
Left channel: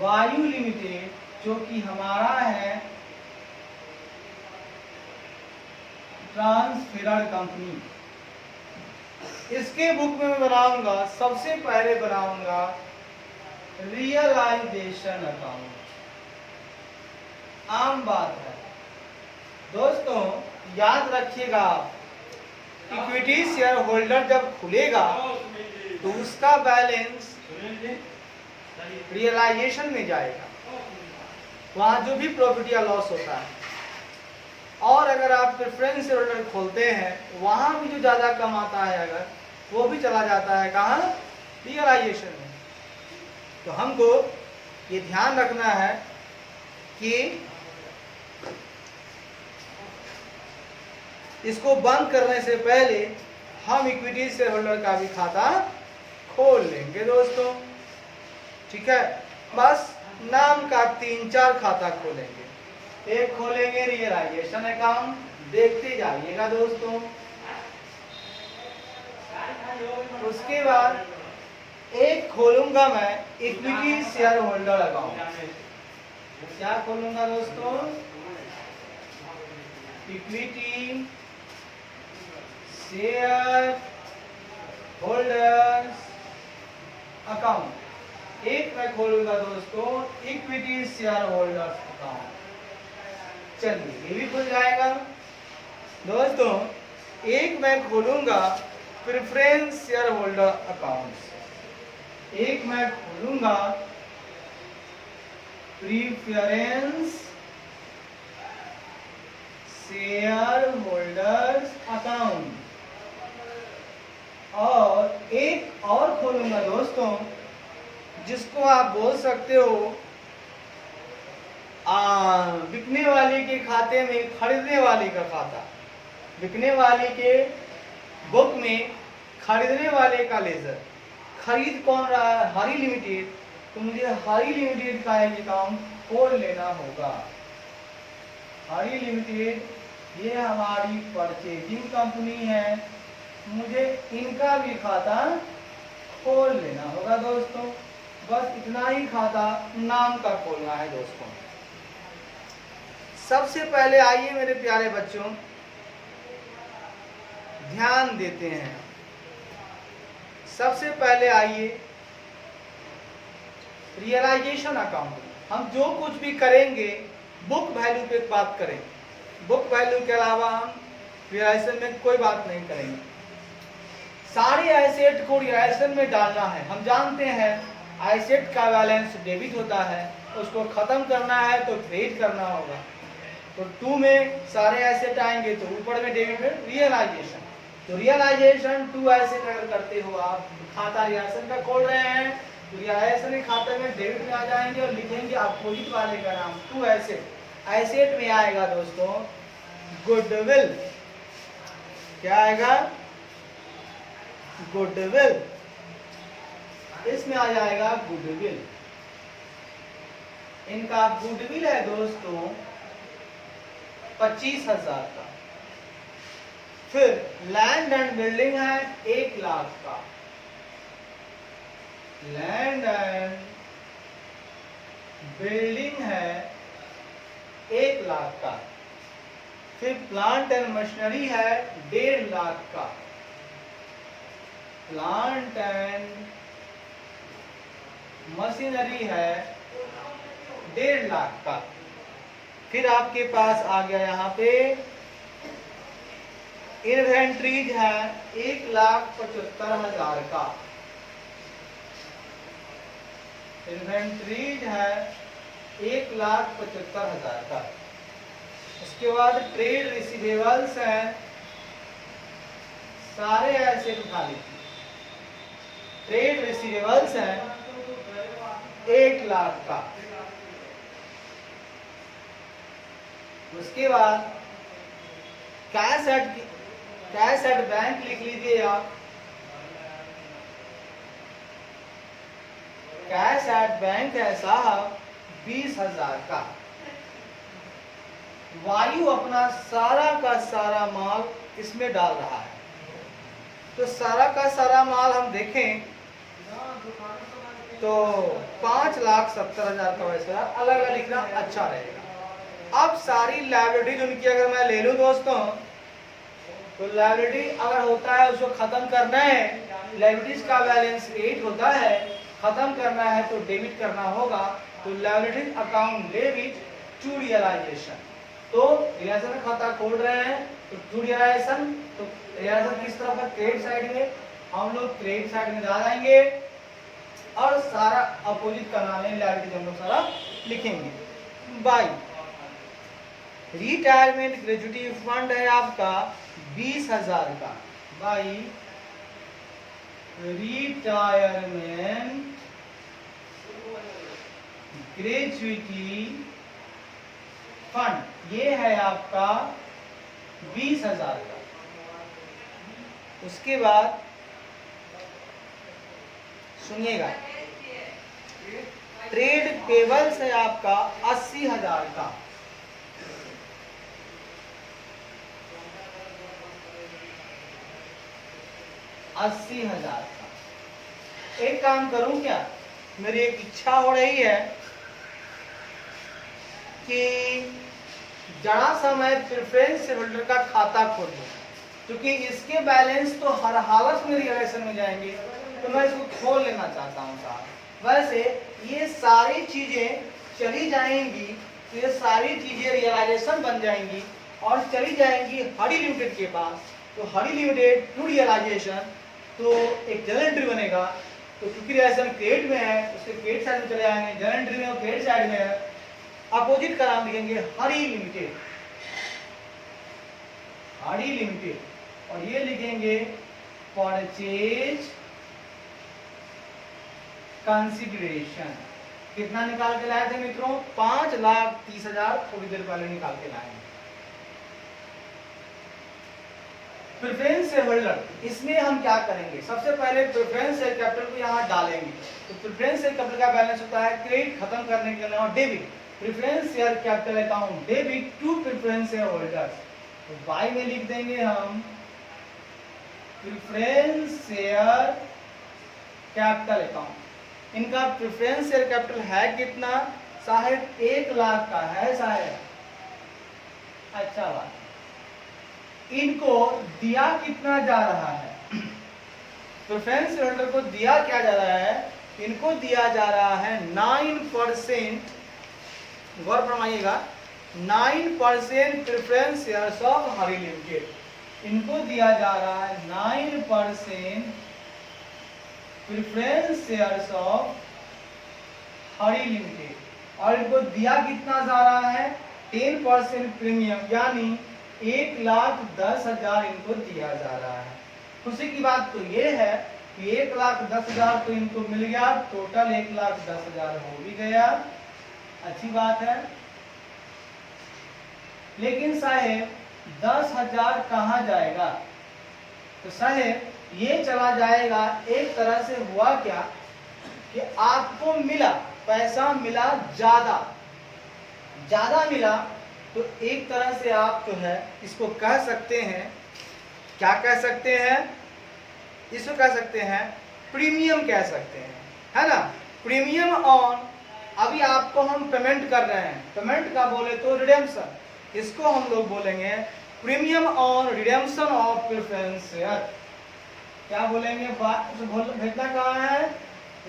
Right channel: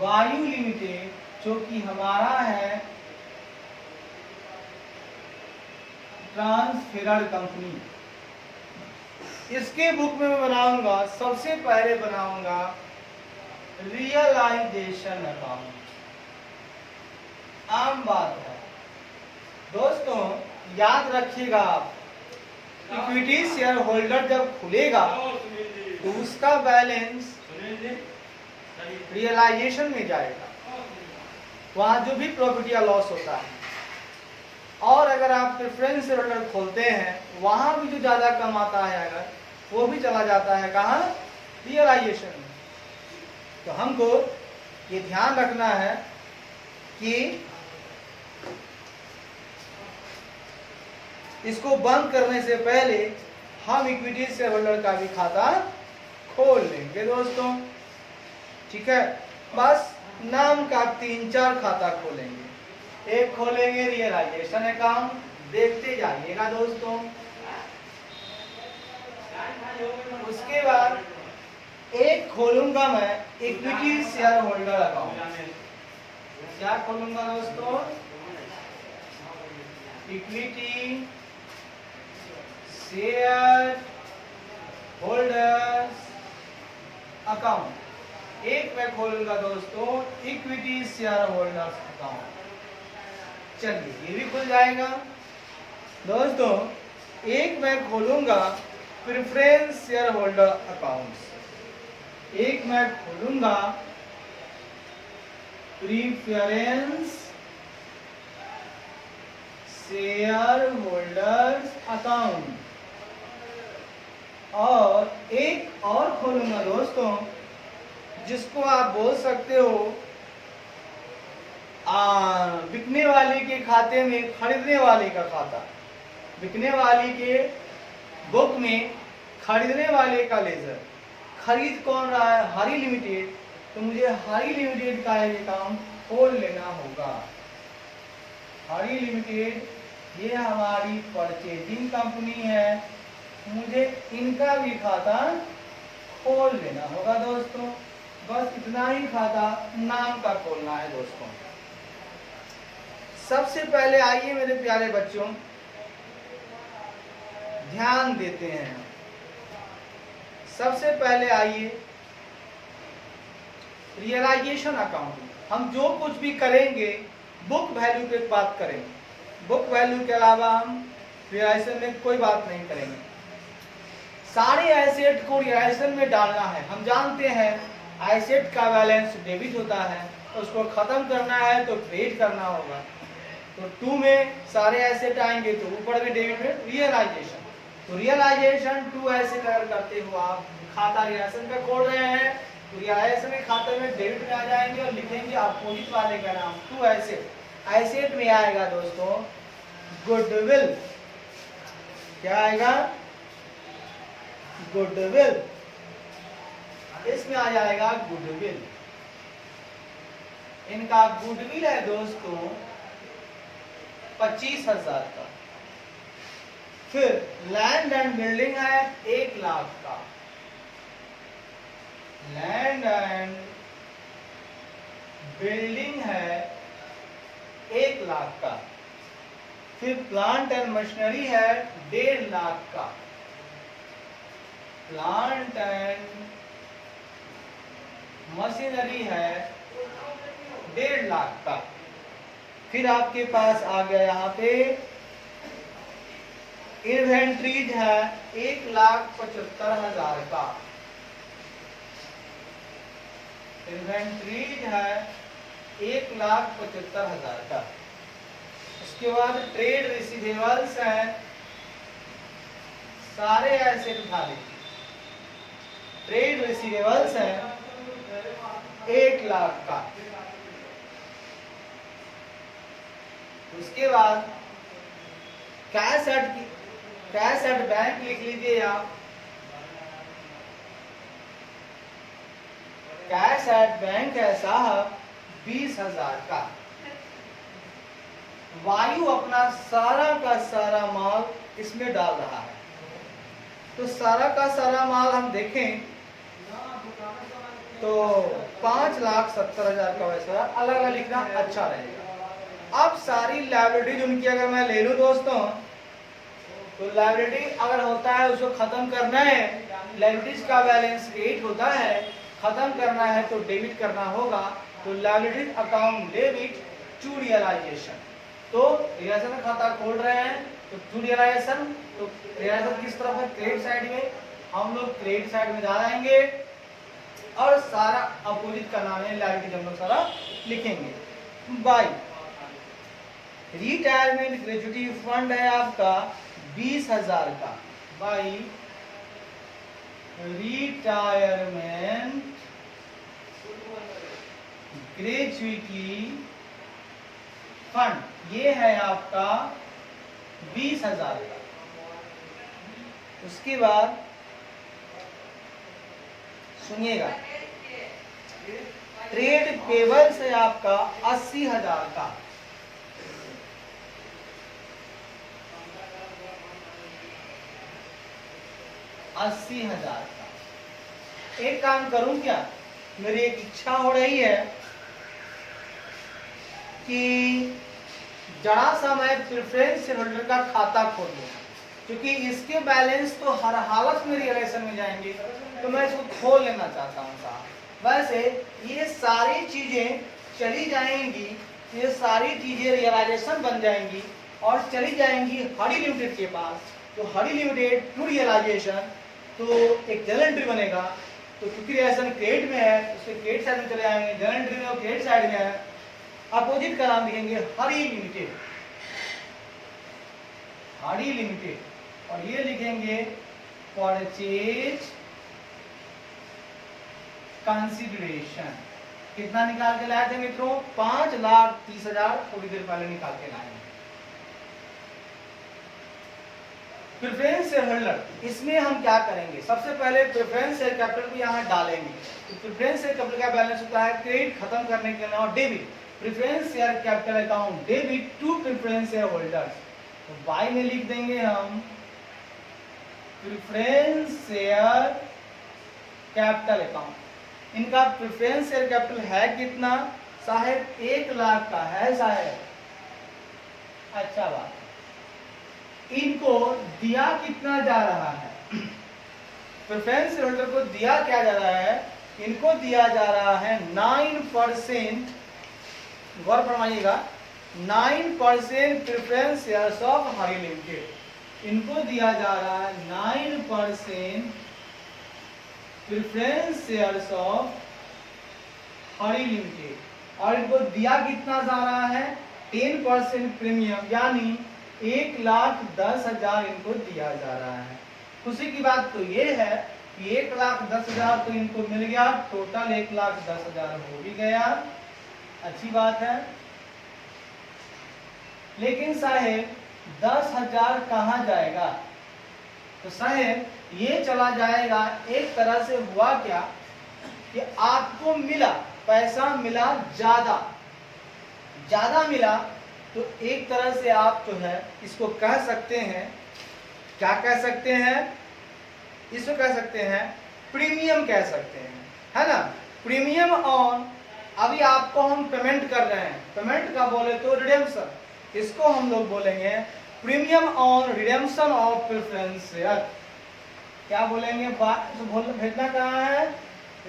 Vayu limited, जो कि हमारा है ट्रांसफेरर कंपनी। इसके बुक में मैं बनाऊंगा, सबसे पहले बनाऊंगा रियलाइजेशन अकाउंट। आम बात है दोस्तों, याद रखिएगा आप, इक्विटी शेयर होल्डर जब खुलेगा तो उसका बैलेंस रियलाइजेशन में जाएगा, वहां जो भी प्रॉफिट या लॉस होता है। और अगर आप प्रेफरेंस शेयर होल्डर खोलते हैं, वहां भी जो ज्यादा कमाता है अगर, वो भी चला जाता है कहाँ? रियलाइजेशन में। तो हमको ये ध्यान रखना है कि इसको बंद करने से पहले हम इक्विटी शेयर होल्डर का भी खाता खोल लेंगे दोस्तों। ठीक है, बस नाम का 3-4 खाता खोलेंगे। एक खोलेंगे रियलाइजेशन अकाउंट, देखते जाइएगा दोस्तों। उसके बाद एक खोलूंगा मैं इक्विटी शेयर होल्डर अकाउंट। क्या खोलूंगा दोस्तों? Equity share holders account. एक मैं खोलूंगा दोस्तों इक्विटी शेयर होल्डर्स अकाउंट। चलिए ये भी खुल जाएगा दोस्तों। एक मैं खोलूंगा प्रेफरेंस शेयर होल्डर अकाउंट। एक मैं खोलूंगा प्रेफरेंस शेयर होल्डर्स अकाउंट। और एक और खोलूंगा दोस्तों, जिसको आप बोल सकते हो बिकने वाले के खाते में खरीदने वाले का खाता। बिकने वाले के बुक में खरीदने वाले का लेजर। खरीद कौन रहा है? हरी लिमिटेड। तो मुझे हरी लिमिटेड का एक अकाउंट खोल लेना होगा। हरी लिमिटेड ये हमारी परचेजिंग कंपनी है, मुझे इनका भी खाता खोल लेना होगा दोस्तों। बस इतना ही खाता नाम का खोलना है दोस्तों। सबसे पहले आइए मेरे प्यारे बच्चों, ध्यान देते हैं। सबसे पहले आइए रियलाइजेशन अकाउंटिंग। हम जो कुछ भी करेंगे बुक वैल्यू पे बात करेंगे। बुक वैल्यू के अलावा हम रियलाइजेशन में कोई बात नहीं करेंगे। सारे एसेट को रियलाइजेशन में डालना है। हम जानते हैं एसेट का बैलेंस डेबिट होता है, उसको खत्म करना है तो क्रेडिट करना होगा। तो 2 में सारे एसेट आएंगे तो ऊपर में डेबिट में रियलाइजेशन। तो रियलाइजेशन 2 एसेट अगर करते हो आप, खाता रियलाइजेशन का खोल रहे हैं तो रियलाइजेशन के खाते में डेबिट में आ जाएंगे और लिखेंगे अपोजिट वाले का नाम 2 एसेट। एसेट में आएगा दोस्तों गुडविल। क्या आएगा? गुडविल, इसमें आ जाएगा गुडविल। इनका गुडविल है दोस्तों 25,000 का। फिर लैंड एंड बिल्डिंग है 1 लाख का, लैंड एंड बिल्डिंग है 1 लाख का। फिर प्लांट एंड मशीनरी है 1.5 लाख का, प्लांट एंड मशीनरी है 1.5 लाख का। फिर आपके पास आ गया यहाँ पे इन्वेंट्रीज है 1,75,000 का, इन्वेंट्रीज है 1,75,000 का। उसके बाद ट्रेड रिसीवेबल्स हैं, सारे एसेट उठा लीजिए, ट्रेड रिसीवेबल्स हैं 1 लाख का। उसके बाद कैश एट बैंक लिख लीजिए आप, कैश एट बैंक है साहब 20,000 का। वायु अपना सारा का सारा माल इसमें डाल रहा है, तो सारा का सारा माल हम देखें तो 5,70,000 का वैसा अलग अलग लिखना अच्छा रहेगा। अब सारी लायबिलिटीज उनकी अगर मैं ले लूं दोस्तों, तो लायबिलिटी अगर होता है उसको खत्म करना है, लायबिलिटीज का बैलेंस 8 होता है, खत्म करना है तो डेबिट करना होगा। तो liabilities account debit to realisation, तो रियलाइजेशन का खाता खोल रहे हैं तो टू रियलाइजेशन, तो रियलाइजेशन किस तरफ है, क्रेडिट साइड में, हम लोग क्रेडिट साइड में जाएंगे और सारा अपोजिट का नाम है लायबिलिटीज हम लोग सारा लिखेंगे। बाय रिटायरमेंट ग्रेजुटी फंड है आपका 20,000 का, बाई रिटायरमेंट ग्रेजुटी फंड ये है आपका 20,000 का। उसके बाद सुनिएगा, ट्रेड पेबल्स है आपका 80,000 का, 80,000 का। एक काम करूं क्या, मेरी एक इच्छा हो रही है कि जरा सा मैं प्रेफरेंस शेयर होल्डर का खाता खोल लूं, क्योंकि इसके बैलेंस तो हर हालत में रियलाइजेशन में जाएंगे, तो मैं इसको खोल लेना चाहता हूं साहब। वैसे ये सारी चीजें चली जाएंगी, ये सारी चीजें रियलाइजेशन बन जाएंगी और चली जाएंगी हरी लिमिटेड के पास। तो हरी लिमिटेड टू रियलाइजेशन, तो एक जनरल एंट्री बनेगा, तो क्योंकि रियलाइजेशन क्रेडिट में है उसके क्रेडिट साइड में चले आएंगे, जनरल एंट्री में क्रेडिट साइड में है, अपोजिट का नाम लिखेंगे हरी लिमिटेड, हरी लिमिटेड, और ये लिखेंगे परचेज कंसिडरेशन। कितना निकाल के लाए थे मित्रों, 5,30,000 थोड़ी देर पहले निकाल के लाए। प्रेफरेंस शेयर होल्डर, इसमें हम क्या करेंगे, सबसे पहले प्रेफरेंस शेयर कैपिटल को यहाँ डालेंगे। तो प्रेफरेंस शेयर कैपिटल का बैलेंस होता है क्रेडिट खत्म करने के नाम debit, preference share capital account debit to preference share holders. तो बाय में लिख देंगे हम प्रेफरेंस शेयर कैपिटल अकाउंट। इनका प्रेफरेंस शेयर कैपिटल है कितना साहेब, 1 लाख का है साहेब। अच्छा बात, इनको दिया कितना जा रहा है, प्रेफरेंस शेयर होल्डर को दिया क्या जा रहा है, इनको दिया जा रहा है 9%, गौर फरमाइएगा, 9% preference shares of Hari limited. इनको दिया जा रहा है 9% preference shares of Hari limited, और इनको दिया कितना जा रहा है, 10% प्रीमियम, यानी 1,10,000 इनको दिया जा रहा है। खुशी की बात तो ये है कि 1,10,000 तो इनको मिल गया, टोटल 1,10,000 हो भी गया, अच्छी बात है। लेकिन साहेब 10,000 कहाँ जाएगा, तो साहेब ये चला जाएगा। एक तरह से हुआ क्या कि आपको मिला, पैसा मिला ज्यादा, ज्यादा मिला, तो एक तरह से आप जो है इसको कह सकते हैं, क्या कह सकते हैं, इसको कह सकते हैं प्रीमियम कह सकते हैं, है ना। प्रीमियम ऑन, अभी आपको हम पेमेंट कर रहे हैं, पेमेंट का बोले तो रिडेम्पशन, इसको हम लोग बोलेंगे premium on redemption of preference share. क्या बोलेंगे, भेजना कहाँ है,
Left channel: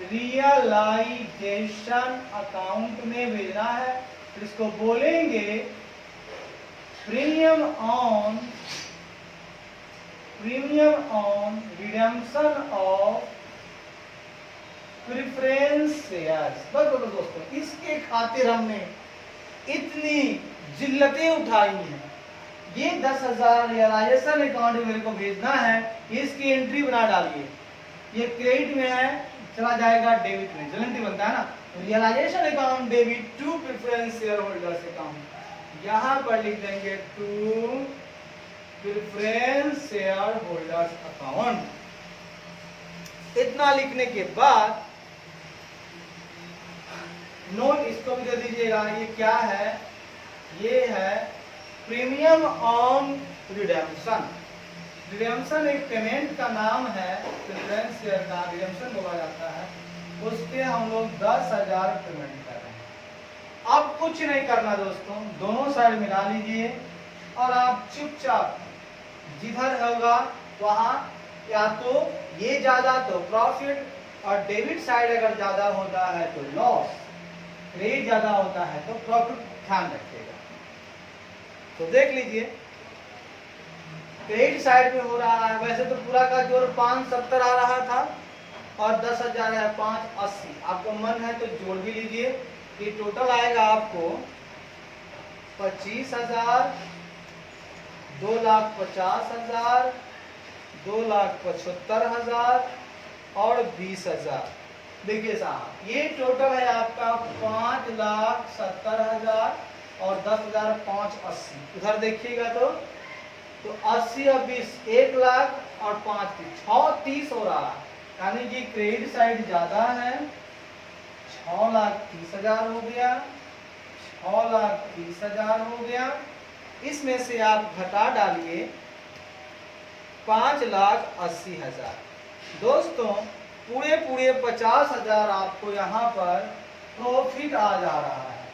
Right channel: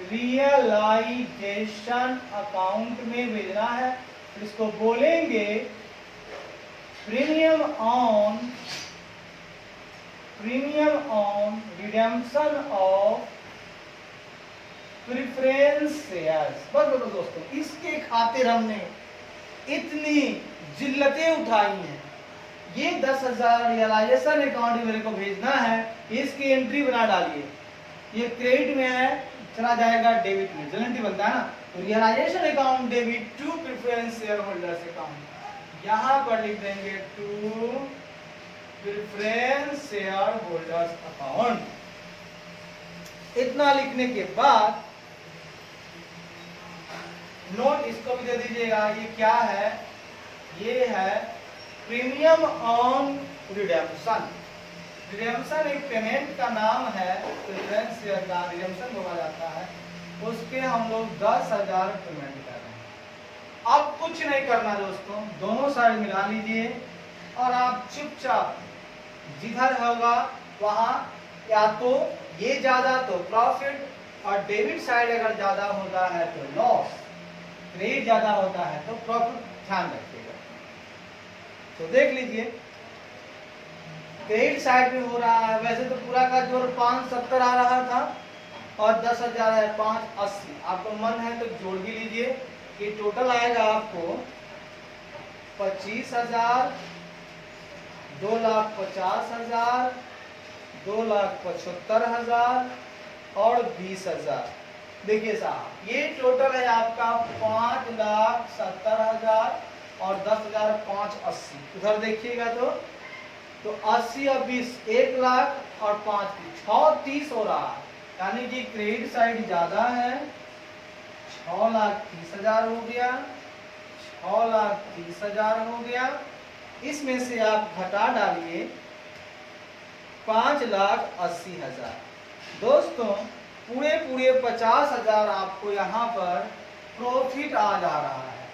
रियलाइजेशन अकाउंट में भेजना है। इसको बोलेंगे premium on redemption of preference shares. बस दोस्तों, इसके खातिर हमने इतनी जिल्लतें उठाई हैं। ये 10,000 रियलाइजेशन अकाउंट में मेरे को भेजना है, इसकी एंट्री बना डालिए। ये क्रेडिट में है, चला जाएगा डेबिट में, एंट्री बनता है ना। तो realisation account debit to preference share holders account, यहां पर लिख देंगे to preference share holders account. इतना लिखने के बाद नोट इसको भी दे दीजिएगा, ये क्या है, ये है प्रीमियम ऑन रिडेम्पशन। रिडेम्पशन एक पेमेंट का नाम है, प्रेफरेंस शेयर का रिडेम्पशन बोला जाता है। उसके हम लोग 10,000 पेमेंट कर रहे हैं। अब कुछ नहीं करना दोस्तों, दोनों साइड मिला लीजिए और आप चुपचाप जिधर होगा वहां, या तो ये ज्यादा तो प्रॉफिट, और डेबिट साइड अगर ज्यादा होता है तो लॉस, क्रेडिट ज्यादा होता है तो प्रॉफिट, ध्यान रखिएगा। तो देख लीजिए क्रेडिट साइड में हो रहा है, वैसे तो पूरा का जोड़ 570 आ रहा था और 10,000 है 580। आपको मन है तो जोड़ भी लीजिए, ये टोटल आएगा आपको 25,000, 2,50,000, 2,75,000 और 20,000। देखिए साहब, ये टोटल है आपका 5,70,000 और 10,000 580। उधर देखिएगा तो 80 और 20 1,00,000 और 5 630 हो रहा है, यानी कि क्रेडिट साइड ज्यादा है। 6,30,000 हो गया, 6,30,000 हो गया। इसमें से आप घटा डालिए 5,80,000। दोस्तों पूरे 50,000 आपको यहाँ पर प्रॉफिट आ जा रहा है।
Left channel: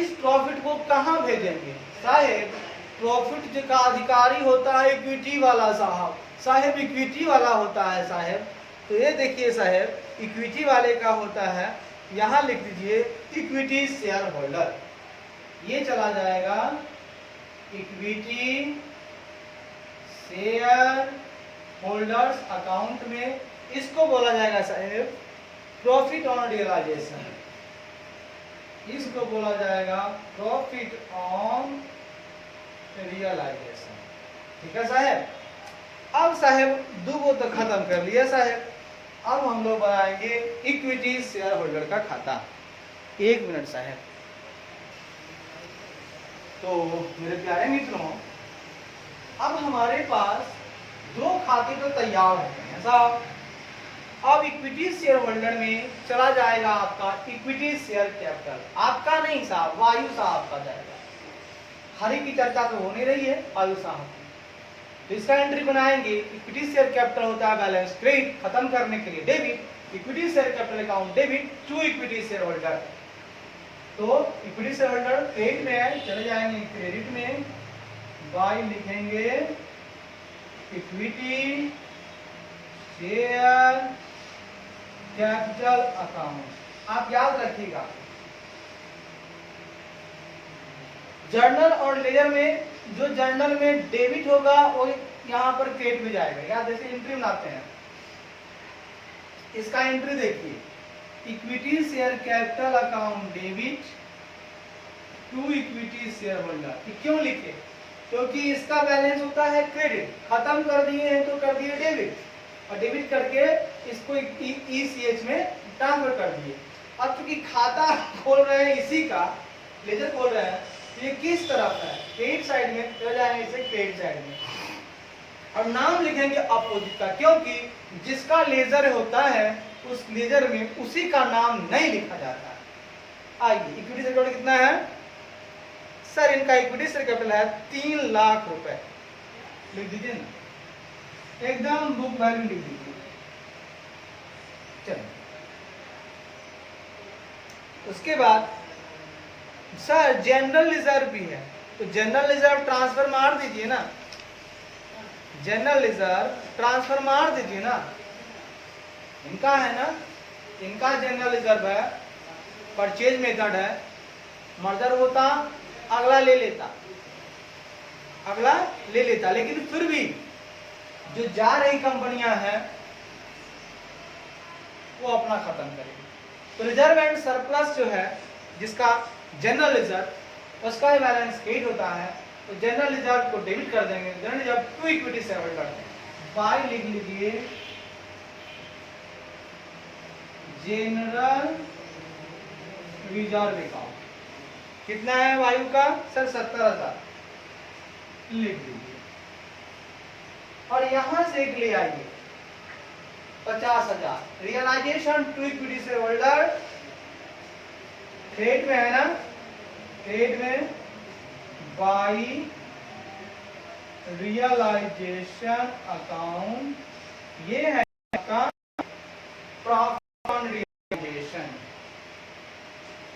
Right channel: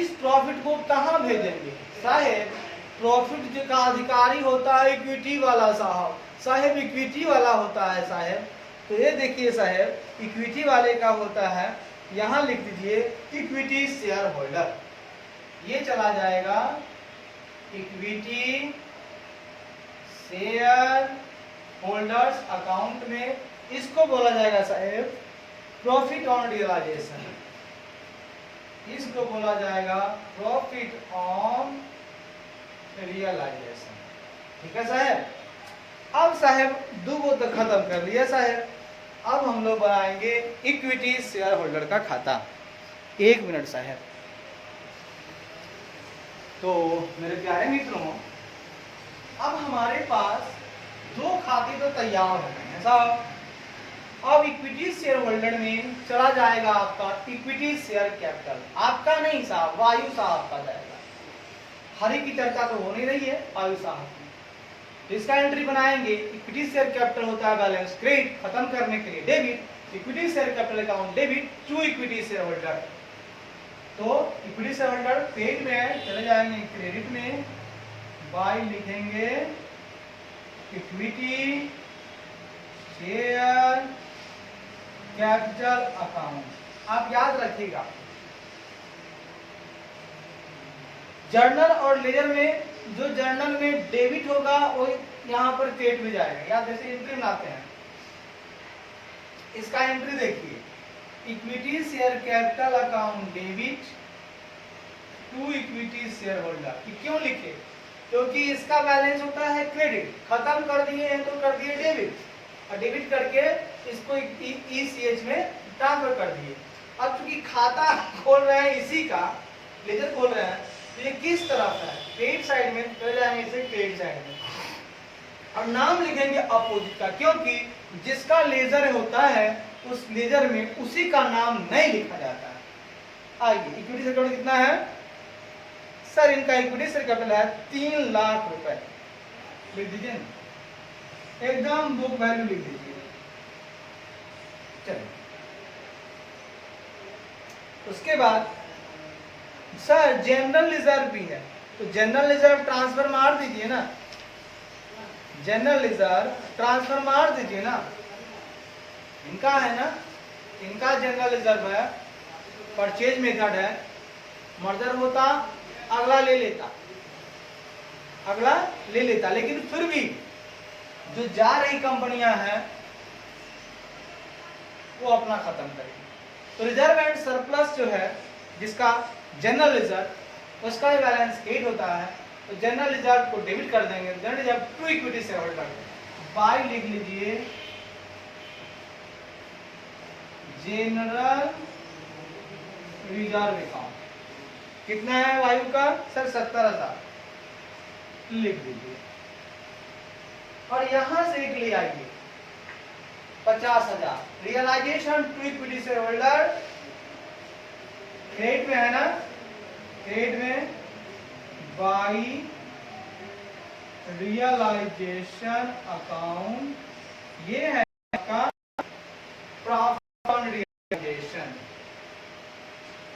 इस प्रॉफिट को कहाँ भेजेंगे साहेब, प्रॉफिट का अधिकारी होता है इक्विटी वाला साहब इक्विटी वाला होता है साहेब। तो ये देखिए साहेब, इक्विटी वाले का होता है, यहाँ लिख दीजिए इक्विटी शेयर होल्डर। ये चला जाएगा इक्विटी शेयर होल्डर्स अकाउंट में। इसको बोला जाएगा साहेब प्रॉफिट ऑन रियलाइजेशन, इसको बोला जाएगा प्रॉफिट ऑन रियलाइजेशन। ठीक है साहेब। अब साहेब दो तो खत्म कर लिया साहेब, अब हम लोग बनाएंगे इक्विटी शेयर होल्डर का खाता। 1 मिनट साहेब। तो मेरे प्यारे मित्रों, अब हमारे पास 2 खाते तो तैयार हो गए हैं साहब। अब इक्विटी शेयर होल्डर में चला जाएगा आपका इक्विटी शेयर कैपिटल, आपका नहीं साहब, वायु साहब का जाएगा। हरी की चर्चा तो हो नहीं रही है, वायु साहब की। तो इसका एंट्री बनाएंगे। इक्विटी शेयर कैपिटल होता है बैलेंस क्रेडिट, खत्म करने के लिए debit. Equity share capital account debit to equity share holder. तो इक्विटी शेयर होल्डर क्रेडिट में है, चले जाएंगे क्रेडिट में, बाय लिखेंगे इक्विटी शेयर कैपिटल अकाउंट। आप याद रखिएगा, जर्नल और लेजर में जो जर्नल में डेबिट होगा वो यहाँ पर क्रेडिट में जाएगा। या जैसे एंट्री बनाते हैं, इसका एंट्री देखिए, equity share capital account debit to equity share holder. क्यों लिखे, क्योंकि इसका बैलेंस होता है क्रेडिट, खत्म कर दिए हैं तो कर दिए डेबिट, और डेबिट करके इसको ECH में ट्रांसफर कर दिए। अब चूंकि खाता खोल रहे हैं इसी का, लेजर खोल रहे हैं, तो ये किस तरफ है, क्रेडिट साइड में, चले जाएंगे इसे क्रेडिट साइड में। और नाम लिखेंगे अपोजिट का, क्योंकि जिसका लेजर होता है उस लेजर में उसी का नाम नहीं लिखा जाता है। आइए इक्विटी शेयर कैपिटल कितना है सर? इनका इक्विटी शेयर कैपिटल है 3 लाख रुपए। लिख दीजिए ना, एकदम बुक वैल्यू लिख दीजिए। चलिए उसके बाद सर जनरल रिजर्व भी है, तो जनरल रिजर्व ट्रांसफर मार दीजिए ना, जनरल रिजर्व ट्रांसफर मार दीजिए ना। इनका है ना, इनका जनरल रिजर्व है, परचेज मेथड है, मर्जर होता अगला ले लेता, अगला ले लेता, लेकिन फिर भी जो जा रही कंपनियां हैं वो अपना खत्म करेगी। तो रिजर्व एंड सरप्लस जो है जिसका जनरल रिजर्व, उसका ही बैलेंस 8 होता है, तो जनरल रिजर्व को डेबिट कर देंगे, general reserve to equity share holder by लिख लीजिए जनरल रिजर्व अकाउंट। कितना है वायु का सर? 70,000 लिख दीजिए, और यहां से एक ले आइए 50,000 realisation to equity share holder. Credit में है ना, क्रेडिट में बाई रियलाइजेशन अकाउंट, ये है आपका profit on realisation,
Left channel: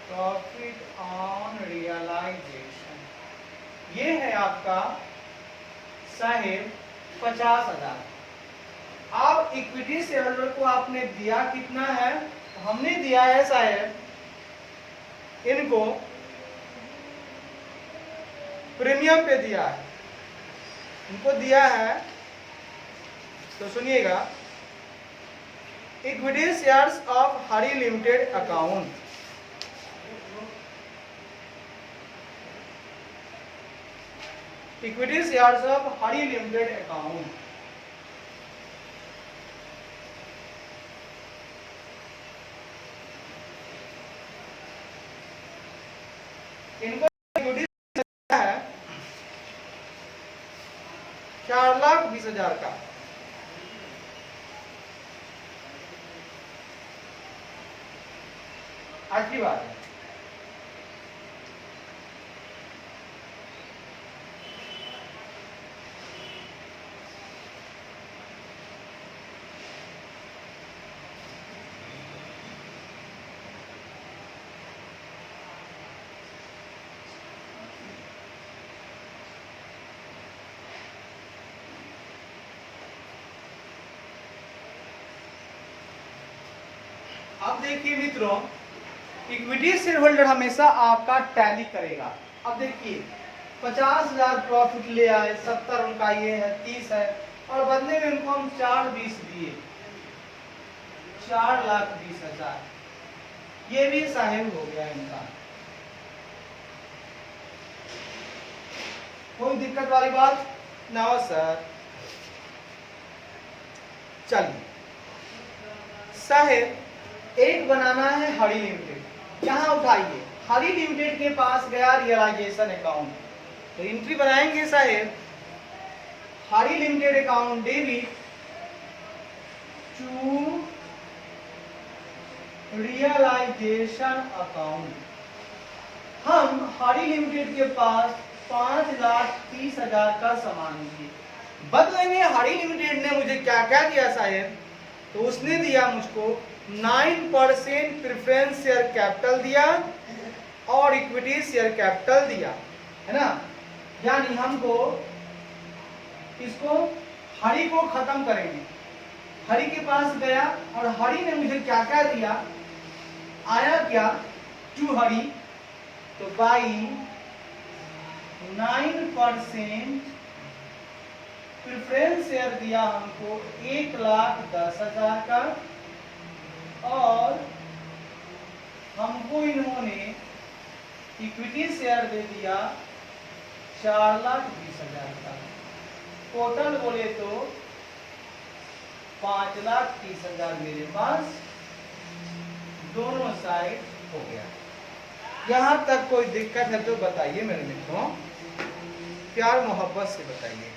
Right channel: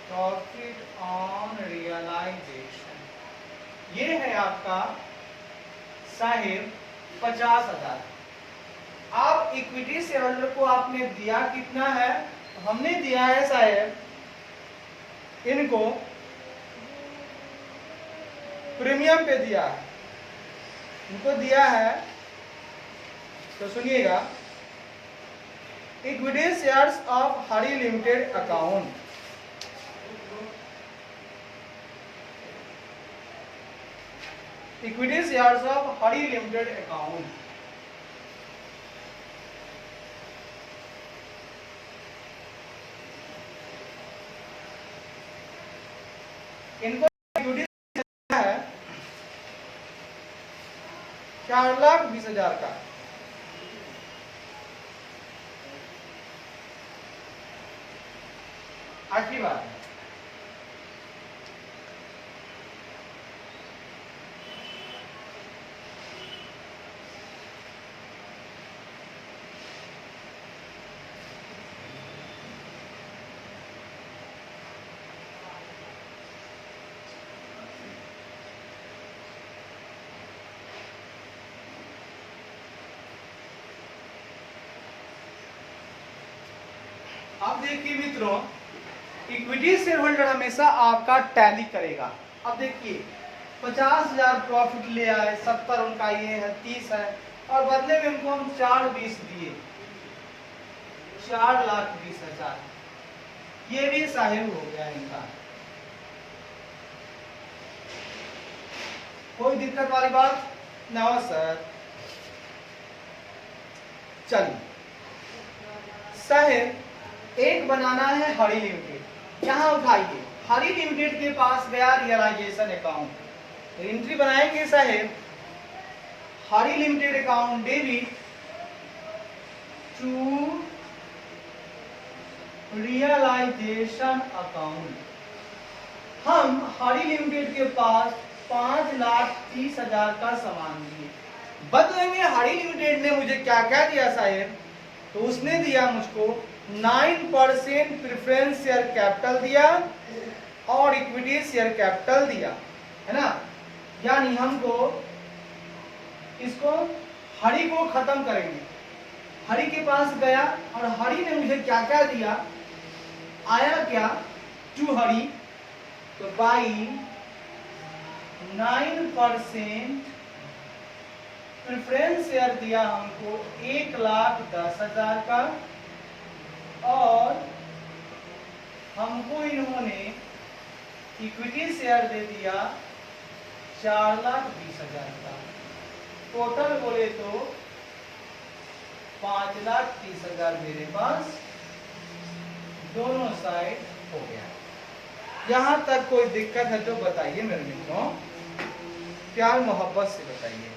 profit on realisation, ये है आपका साहेब 50,000। अब इक्विटी शेयर होल्डर को आपने दिया कितना है? हमने दिया है साहेब इनको प्रीमियम पे दिया है, इनको दिया है, तो सुनिएगा equity shares of Hari limited account, equity shares of Hari limited account. इनको है 4,20,000 का। आखिरी बात है, अब देखिए मित्रों, इक्विटी शेयर होल्डर हमेशा आपका टैली करेगा। अब देखिए 50,000 प्रॉफिट ले आए, 70 उनका ये है, 30 है, और बदले में इनको हम 4,20 दिए, 4,20,000, ये भी साहेब हो गया इनका। कोई दिक्कत वाली बात ना हो सर? चलिए साहेब एक बनाना है हरी लिमिटेड, यहां उठाइए, हरी लिमिटेड के पास गया रियलाइजेशन अकाउंट, तो एंट्री बनाएंगे साहेब Hari limited account debit to realisation account. हम हरी लिमिटेड के पास 5,30,000 का सामान दिए, बदले में हरी लिमिटेड ने मुझे क्या क्या दिया साहेब? तो उसने दिया मुझको 9% प्रेफरेंस शेयर कैपिटल दिया और इक्विटी शेयर कैपिटल दिया, है ना। यानी हमको इसको हरी को खत्म करेंगे, हरी के पास गया और हरी ने मुझे क्या क्या दिया, आया क्या टू हरी, तो बाई 9% प्रेफरेंस शेयर दिया हमको 1,10,000 का, और हमको इन्होंने इक्विटी शेयर दे दिया 4,20,000 का। टोटल बोले तो 5,30,000 मेरे पास दोनों साइड हो गया। यहां तक कोई दिक्कत है तो बताइए मेरे मित्रों, प्यार मोहब्बत से बताइए।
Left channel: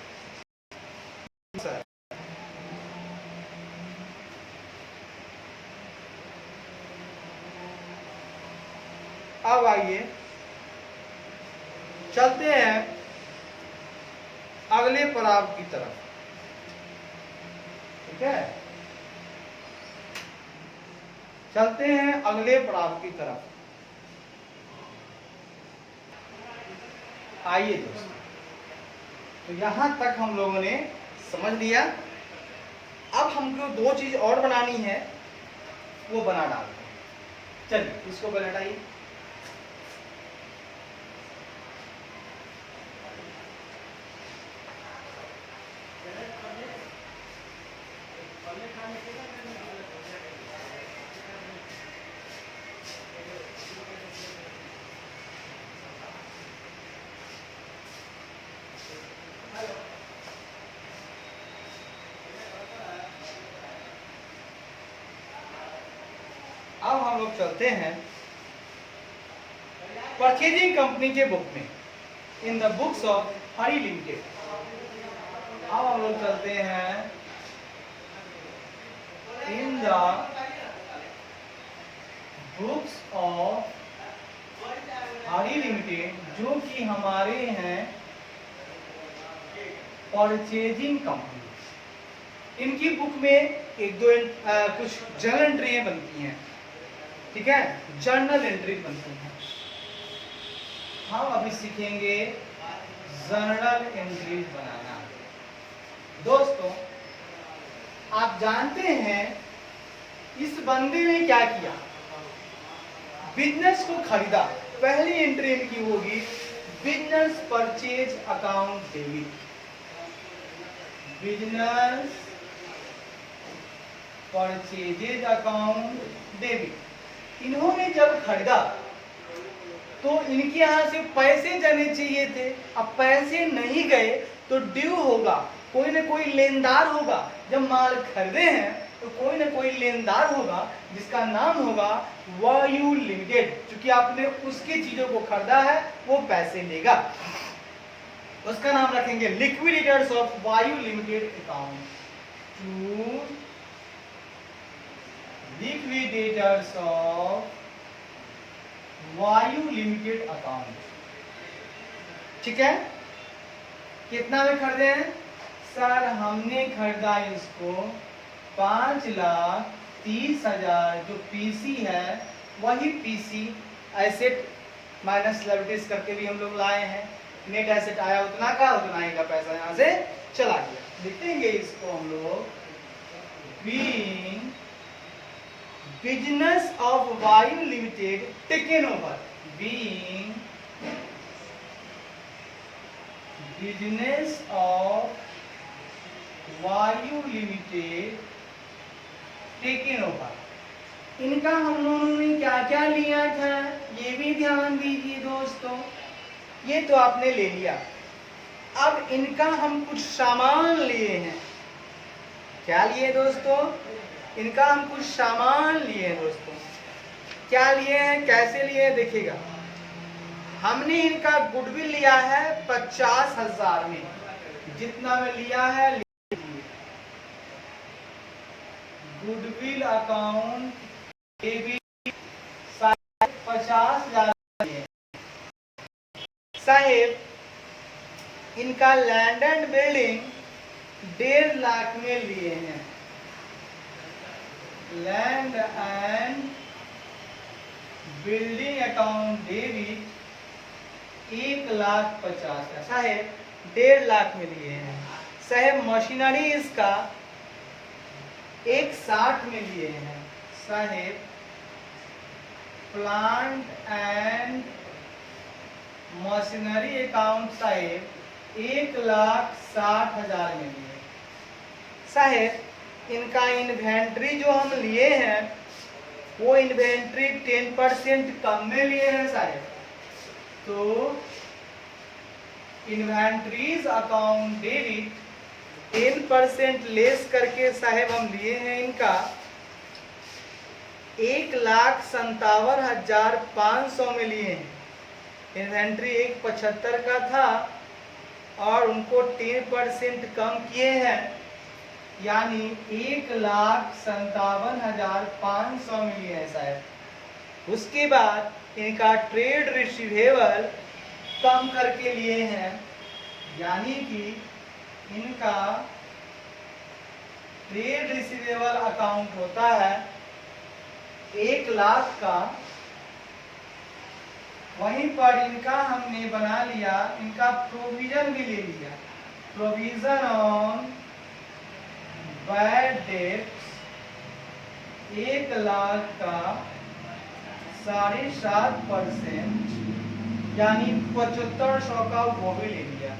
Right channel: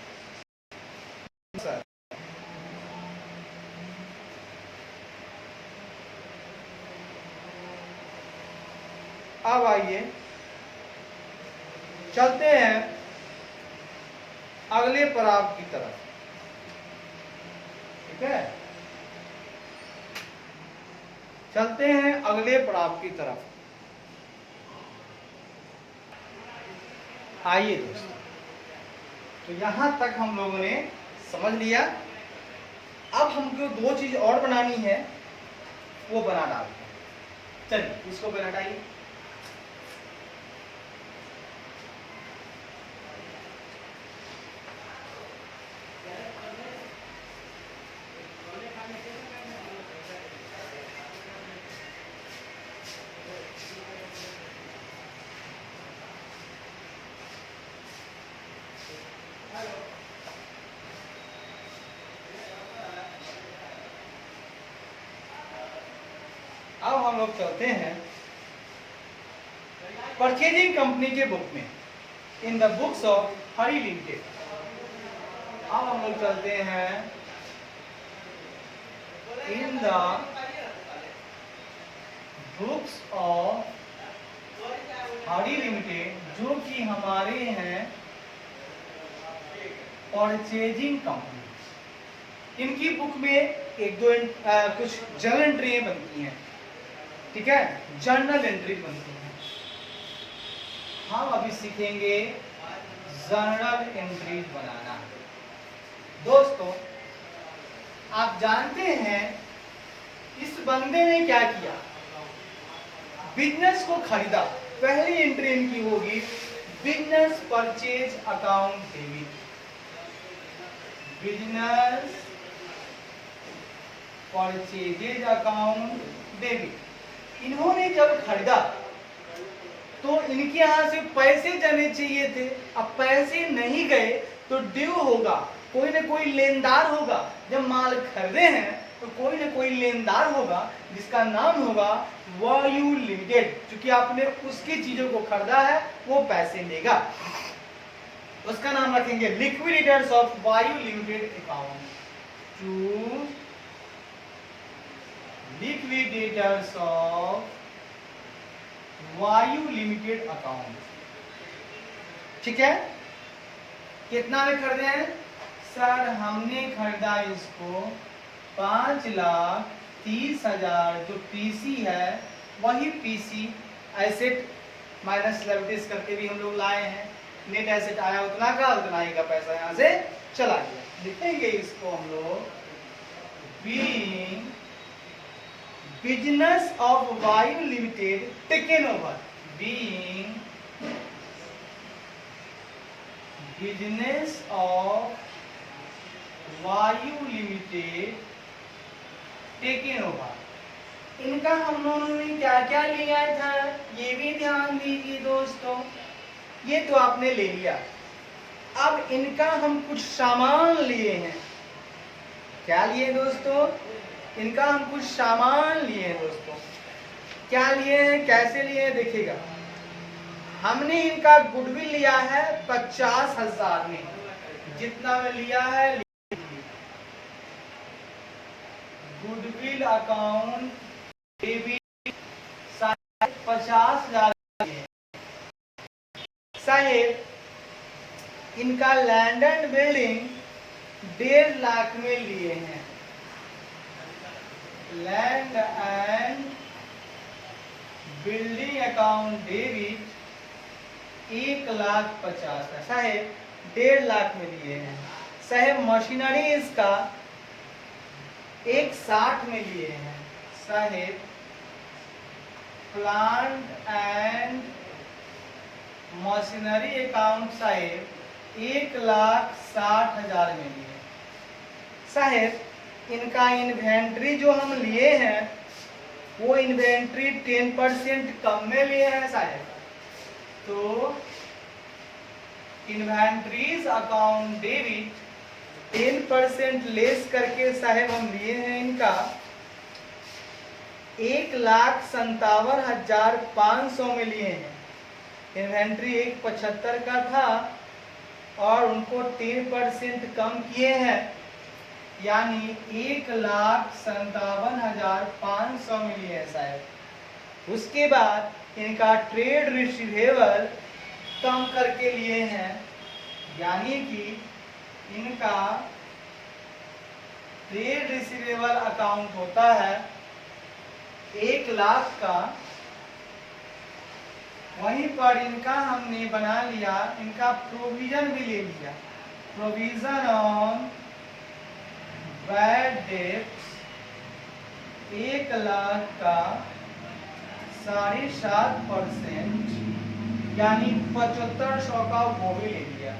अब आइए चलते हैं अगले पड़ाव की तरफ। ठीक है, चलते हैं अगले पड़ाव की तरफ। आइए दोस्तों, तो यहां तक हम लोगों ने समझ लिया। अब हमको दो चीज और बनानी है, वो बना डालते हैं। चलिए इसको पहले हटाइए। अब हम लोग चलते हैं परचेजिंग कंपनी के बुक में, इन the books of Hari limited. अब हम लोग चलते हैं in the books of Hari limited, जो कि हमारे हैं परचेजिंग कंपनी। इनकी बुक में एक दो कुछ जर्नल एंट्री बनती हैं। ठीक है, जर्नल एंट्री बनती हैं। हम अभी सीखेंगे जर्नल एंट्री बनाना। दोस्तों, आप जानते हैं इस बंदे ने क्या किया, बिजनेस को खरीदा। पहली एंट्री इनकी होगी business purchase account debit. Business purchases account debit. इन्होंने जब खरीदा तो इनके यहां से पैसे जाने चाहिए थे। अब पैसे नहीं गए तो ड्यू होगा, कोई ना कोई लेनदार होगा। जब माल खरीदे हैं तो कोई ना कोई लेनदार होगा जिसका नाम होगा वायु लिमिटेड। क्योंकि आपने उसकी चीजों को खरीदा है, वो पैसे लेगा। उसका नाम रखेंगे liquidators of Vayu limited account. To liquidators of Vayu limited account. ठीक है, कितना में खरीदे हैं सर? हमने खरीदा इसको 5,30,000। जो पीसी है वही पीसी, एसेट माइनस लायबिलिटीज करके भी हम लोग लाए हैं। नेट एसेट आया उतना का, उतना ही का पैसा यहां से चला गया। लिखेंगे इसको हम लोग being business of Vayu limited taken over. Being business of Vayu limited taken over. इनका हम लोगों ने क्या क्या लिया था, ये भी ध्यान दीजिए दोस्तों। ये तो आपने ले लिया। अब इनका हम कुछ सामान लिए हैं। क्या लिए दोस्तों? इनका हम कुछ सामान लिए हैं दोस्तों। क्या लिए हैं, कैसे लिए हैं, देखिएगा। हमने इनका गुडविल लिया है 50,000 में। जितना में लिया है गुडविल अकाउंट डेबिट 50,000 साहेब। इनका लैंड एंड बिल्डिंग 1.5 लाख में लिए हैं। Land and building account debit 1,50,000 साहेब 1.5 लाख में लिए हैं। साहेब मशीनरी इसका 1,60 में लिए हैं। साहेब प्लांट एंड मशीनरी अकाउंट साहेब 1,60,000 में लिए। साहेब इनका इन्वेंट्री जो हम लिए हैं वो इन्वेंट्री 10% कम में लिए हैं साहेब। तो इन्वेंट्रीज अकाउंट डेबिट 10% लेस करके साहेब हम लिए हैं इनका 1,57,500 में लिए हैं। इन्वेंट्री 1,75 का था और उनको 10% कम किए हैं, यानी 1,57,500 में लिए हैं साहब। उसके बाद इनका ट्रेड रिसीवेबल कम करके लिए हैं, यानी कि इनका ट्रेड रिसीवेबल अकाउंट होता है 1 लाख का, वहीं पर इनका हमने बना लिया, इनका प्रोविजन भी ले लिया, provision on bad debts 1 lakh का 7.5%, यानी 7500 का वो भी ले लिया।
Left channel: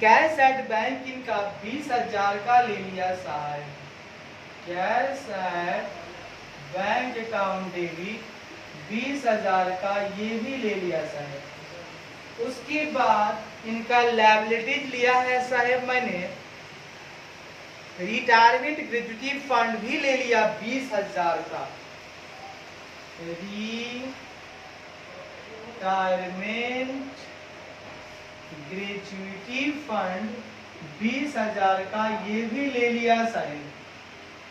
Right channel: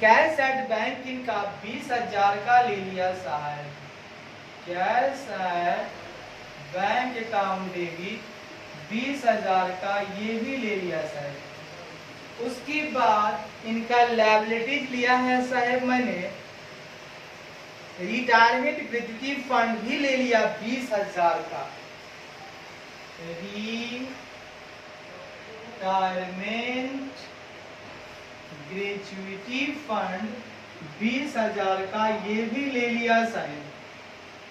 कैश एट बैंक इनका 20,000 का ले लिया साहब, cash at bank account debit 20,000 का ये भी ले लिया साहब। उसके बाद इनका लायबिलिटीज लिया है साहब मैंने, रिटायरमेंट ग्रेच्युटी फंड भी ले लिया 20,000 का, रिटायरमेंट ग्रेच्युटी फंड 20,000 का ये भी ले लिया साहब।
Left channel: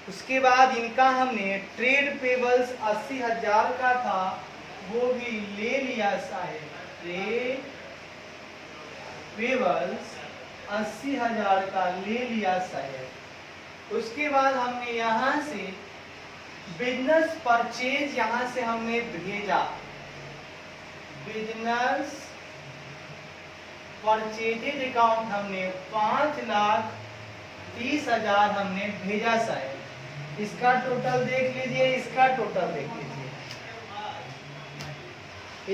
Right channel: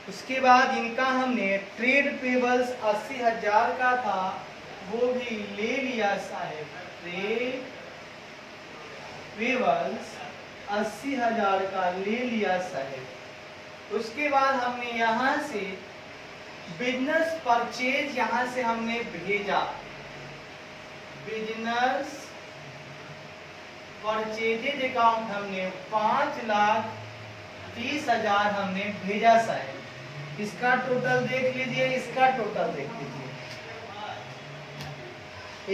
उसके बाद इनका हमने ट्रेड पेबल्स 80,000 का था, वो भी ले लिया साहब, ट्रेड पेबल्स 80,000 का ले लिया साहब। उसके बाद हमने यहाँ से बिजनेस परचेज यहाँ से हमने भेजा, बिजनेस परचेजेज अकाउंट हमने 5,30,000 हमने भेजा साहब। इसका टोटल देख लीजिए, इसका टोटल देख लीजिए,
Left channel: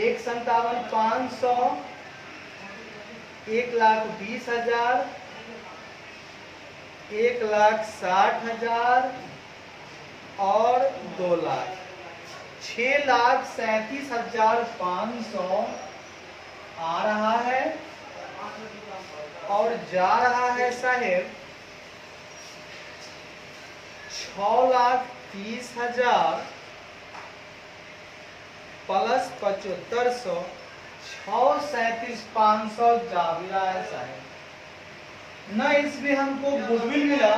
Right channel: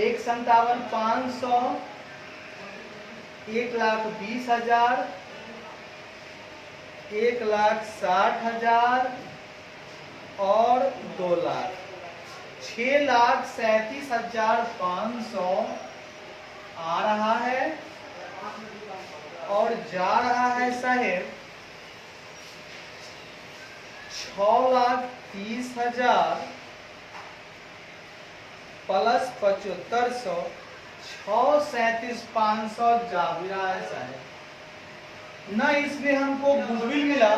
1,57,500, 1,20,000, 1,60,000 और 2 लाख, 6,37,500 आ रहा है और जा रहा है साहेब 6,30,000 प्लस 7,500, 6,37,500 जा भी रहा है साहब। ना इसमें हमको गुडविल मिला,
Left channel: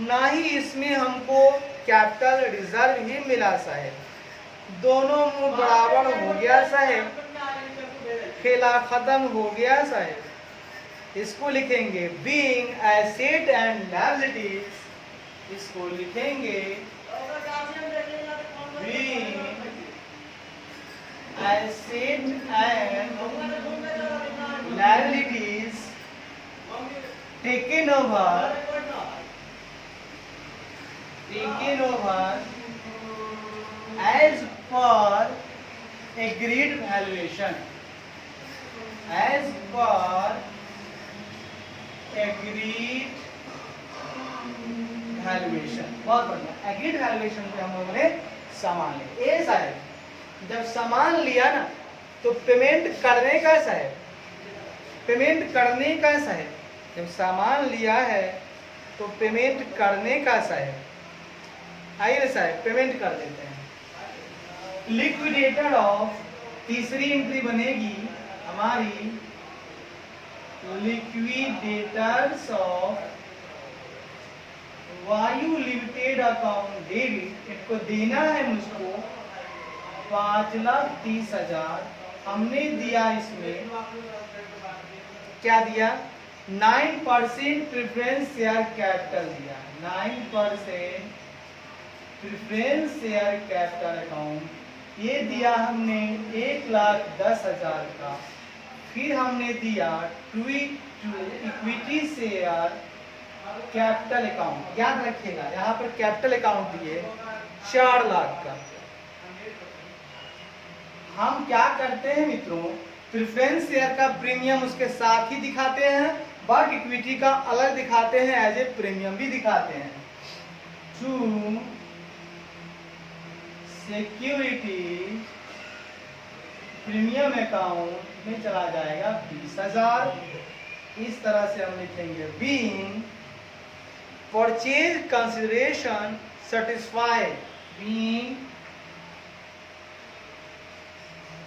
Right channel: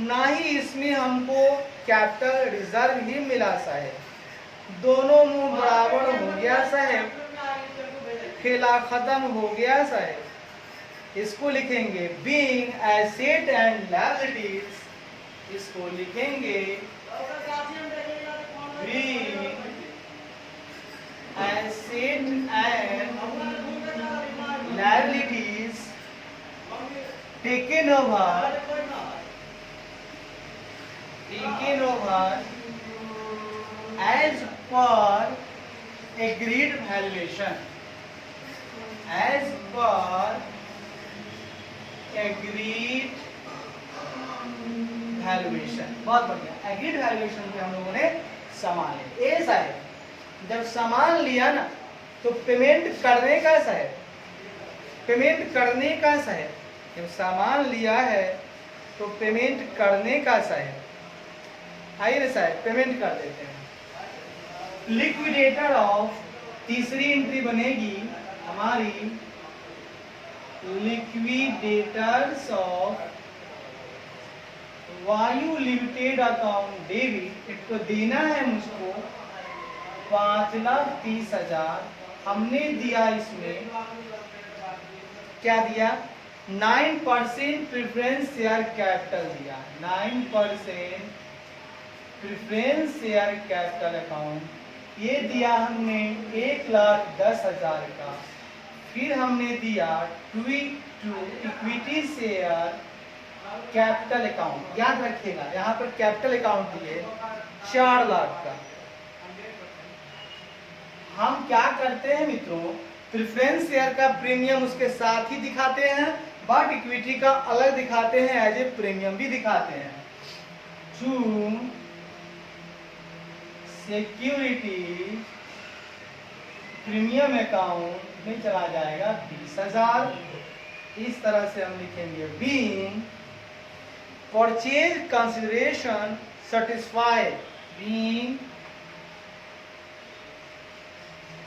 ना ही इसमें हमको कैपिटल रिजर्व ही मिला साहब। दोनों मुंह बराबर हो गया साहब, खेला खत्म हो गया साहब। इसको लिखेंगे बीइंग एसेट एंड लायबिलिटीज, इसको लिखेंगे being asset and liabilities taken over as per agreed valuation, as per agreed valuation। बहुत बढ़िया, एग्रीड वैल्यूएशन पे हम लोगों ने सामान लिया। ए साहब जब सामान लिया ना तो पेमेंट करने का साहब, पेमेंट करने का साहब, जब सामान लिया है तो पेमेंट करने का साहब। आइए साहब पेमेंट कर देते हैं। लिक्विडेटर ऑफ, तीसरी एंट्री बनेगी हमारी, liquidators of Vayu limited account debit, इसको देना है मुझको 5,30,000। हमने दिया इसमें क्या दिया, 9% प्रेफरेंस शेयर कैपिटल दिया, 9% प्रेफरेंस शेयर कैपिटल अकाउंट ये दिया हमने 1,10,000 का। फिर हमने दिया to equity share capital account, याद रखिएगा यहाँ पर कैपिटल अकाउंट दिए 4 लाख का। हम क्या करते हैं मित्रों, प्रेफरेंस शेयर का प्रीमियम उसके साथ ही दिखाते हैं, बट इक्विटी का अलग दिखाते हैं, एज ए प्रीमियम भी दिखाते हैं। टू सिक्योरिटी प्रीमियम अकाउंट में चला जाएगा 20,000। इस तरह से हम लिखेंगे being purchase consideration satisfied, being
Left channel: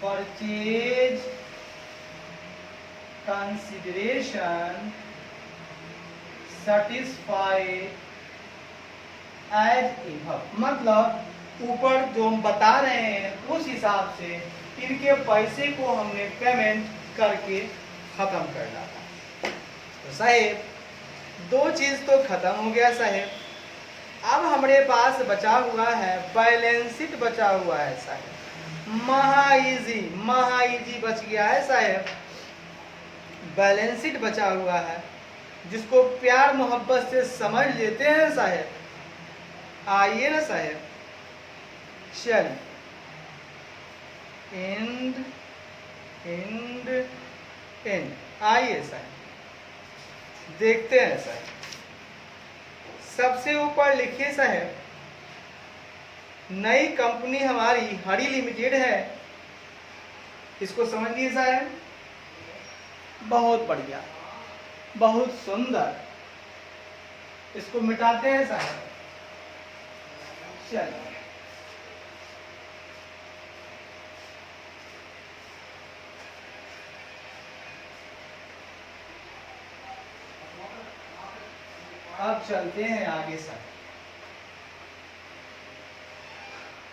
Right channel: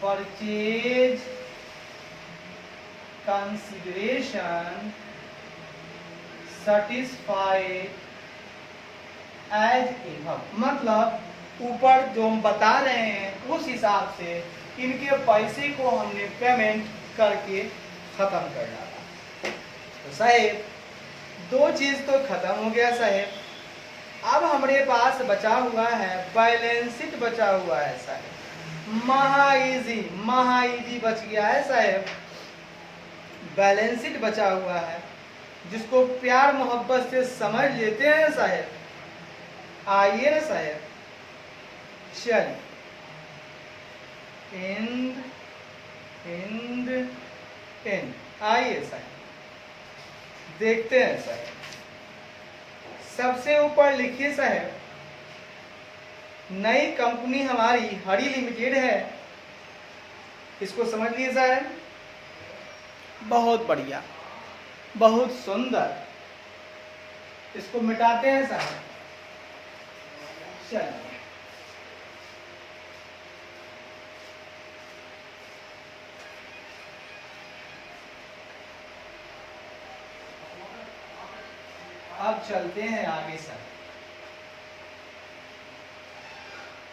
purchase consideration satisfied as enough, मतलब ऊपर जो हम बता रहे हैं उस हिसाब से इनके पैसे को हमने पेमेंट करके खत्म कर डाला। तो साहेब दो चीज तो खत्म हो गया साहेब। अब हमारे पास बचा हुआ है बैलेंस शीट बचा हुआ है साहेब। महा इजी बच गया है साहेब। बैलेंस शीट बचा हुआ है जिसको प्यार मोहब्बत से समझ लेते हैं साहेब। आइए ना साहेब, चलिए एंड आइए साहेब देखते हैं साहेब। सबसे ऊपर लिखिए साहेब, नई कंपनी हमारी हरी लिमिटेड है। इसको समझिए साहेब। बहुत बढ़िया, बहुत सुंदर। इसको मिटाते हैं साहब। चलिए अब चलते हैं आगे सर।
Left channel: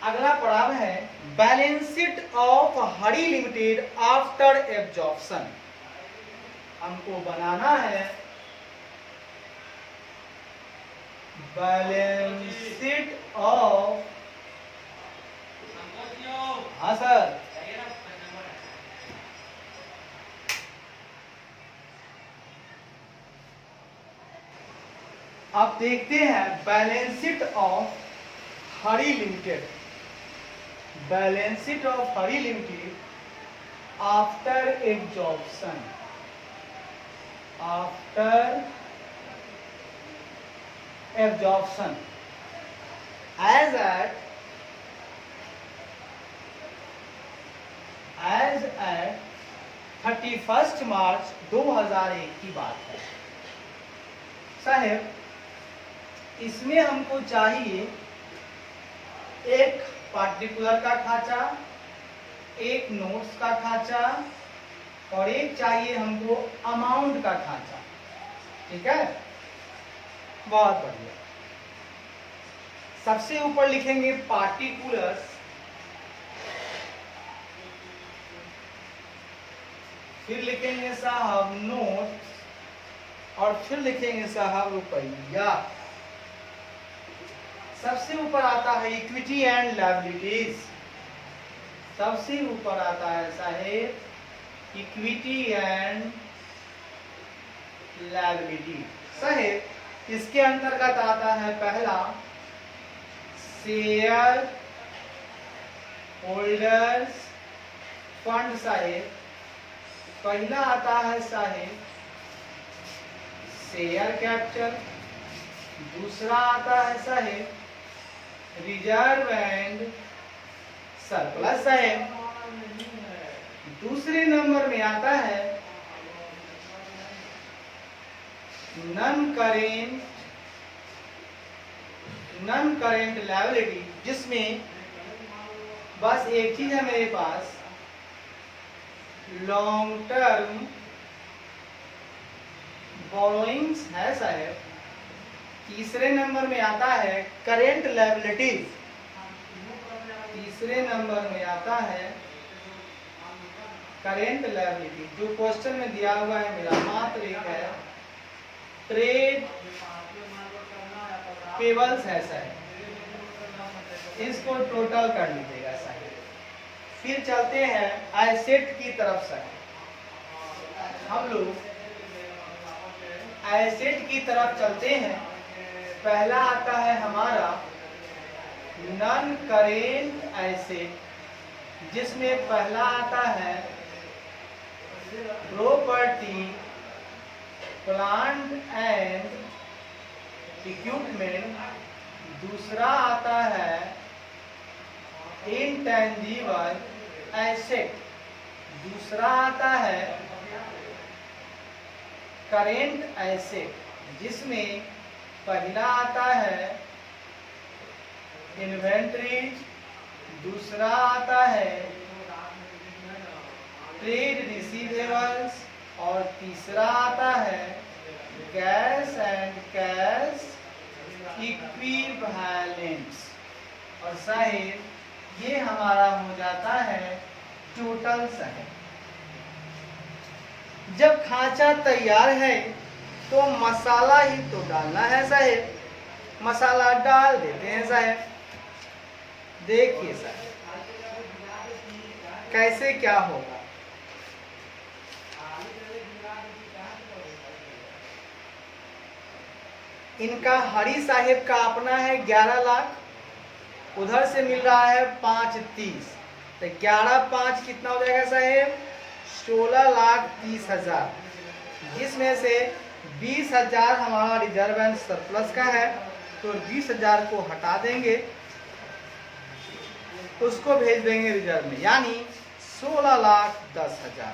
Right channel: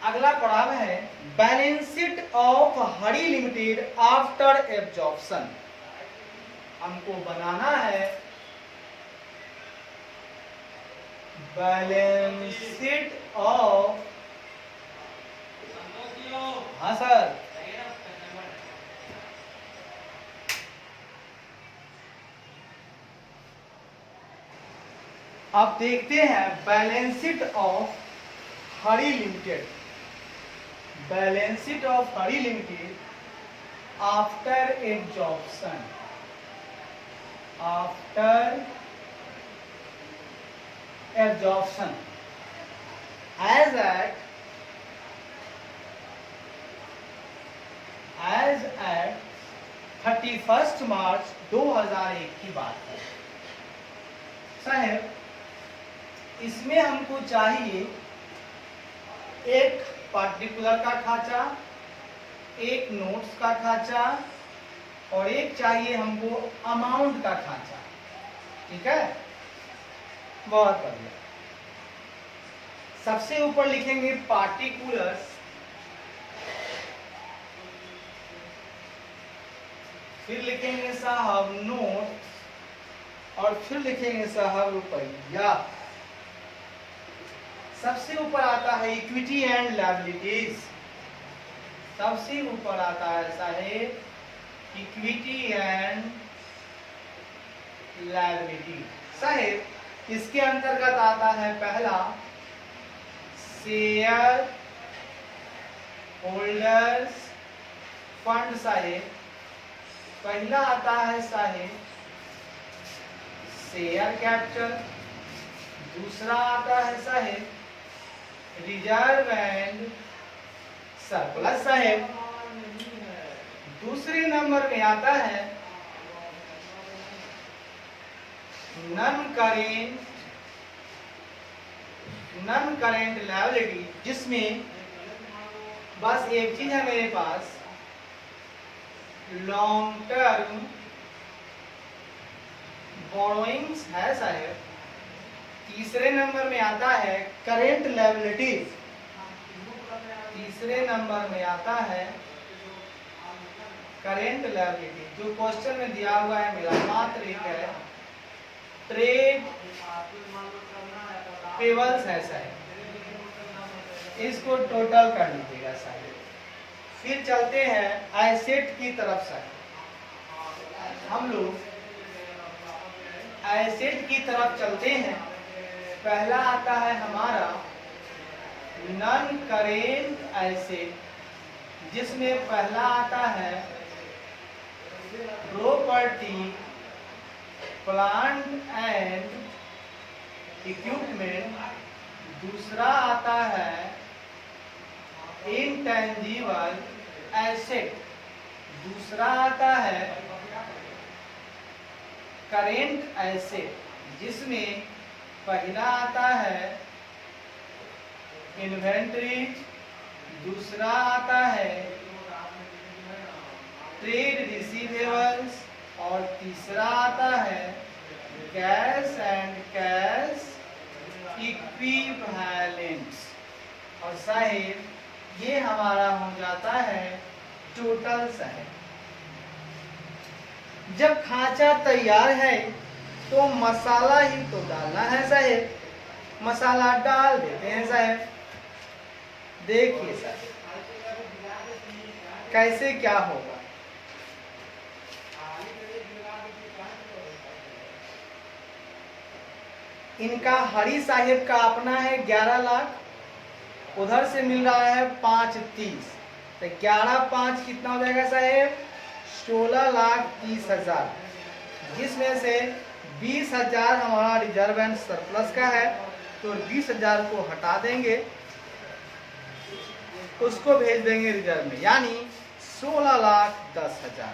अगला पड़ाव है balance sheet of Hari limited after absorption. हमको बनाना है बैलेंस शीट ऑफ, हाँ सर, अब देखते हैं balance sheet of Hari limited. Balance sheet of Hari limited after absorption. After absorption as at 31 मार्च 2001 की बात है साहेब। इसमें हमको चाहिए एक पर्टिकुलर का खाचा, एक नोट्स का खाचा और एक चाहिए हमको अमाउंट का खाचा। ठीक है, बहुत बढ़िया। सबसे ऊपर लिखेंगे पार्टिकुलर्स, फिर लिखेंगे साहब नोट और फिर लिखेंगे साहब रुपया। सबसे ऊपर आता है इक्विटी एंड लायबिलिटीज। सबसे ऊपर आता है साहेब इक्विटी एंड लायबिलिटी। साहेब इसके अंतर्गत आता है पहला शेयर होल्डर्स फंड साहेब। पहला आता है साहेब शेयर कैपिटल। दूसरा आता है साहेब रिजर्व एंड सरप्लस साहेब। दूसरे नंबर में आता है नॉन करेंट लायबिलिटी, जिसमें बस एक चीज है मेरे पास लॉन्ग टर्म बोरोइंग्स है साहेब। तीसरे नंबर में आता है करेंट लायबिलिटी। तीसरे नंबर में आता है करेंट लायबिलिटी। जो क्वेश्चन में दिया हुआ है मेरा मात्र एक है ट्रेड पेबल्स है साहब। इसको टोटल कर लीजिएगा साहब। फिर चलते हैं एसेट की तरफ से। हम लोग एसेट की तरफ चलते हैं। पहला आता है हमारा नॉन करेंट एसेट, जिसमें पहला आता है प्रॉपर्टी प्लांट एंड इक्विपमेंट। दूसरा आता है इंटेंजिबल एसेट। दूसरा आता है करेंट एसेट, जिसमें पहला आता है इन्वेंट्रीज। दूसरा आता है ट्रेड रिसीवेबल्स और तीसरा आता है कैश एंड कैश इक्विवेलेंट्स। और साहेब ये हमारा हो जाता है टोटल साहेब। जब खांचा तैयार है तो मसाला ही तो डालना है साहेब, मसाला डाल देते हैं साहेब। देखिए साहेब कैसे क्या होगा। इनका हरी साहेब का अपना है 11 लाख, उधर से मिल रहा है 5.30, तो 11/5 कितना हो जाएगा साहेब? 16,30,000। जिसमें से 20,000 हमारा रिजर्व एंड सरप्लस का है, तो 20,000 को हटा देंगे, उसको भेज देंगे रिजर्व में, यानी 16,10,000।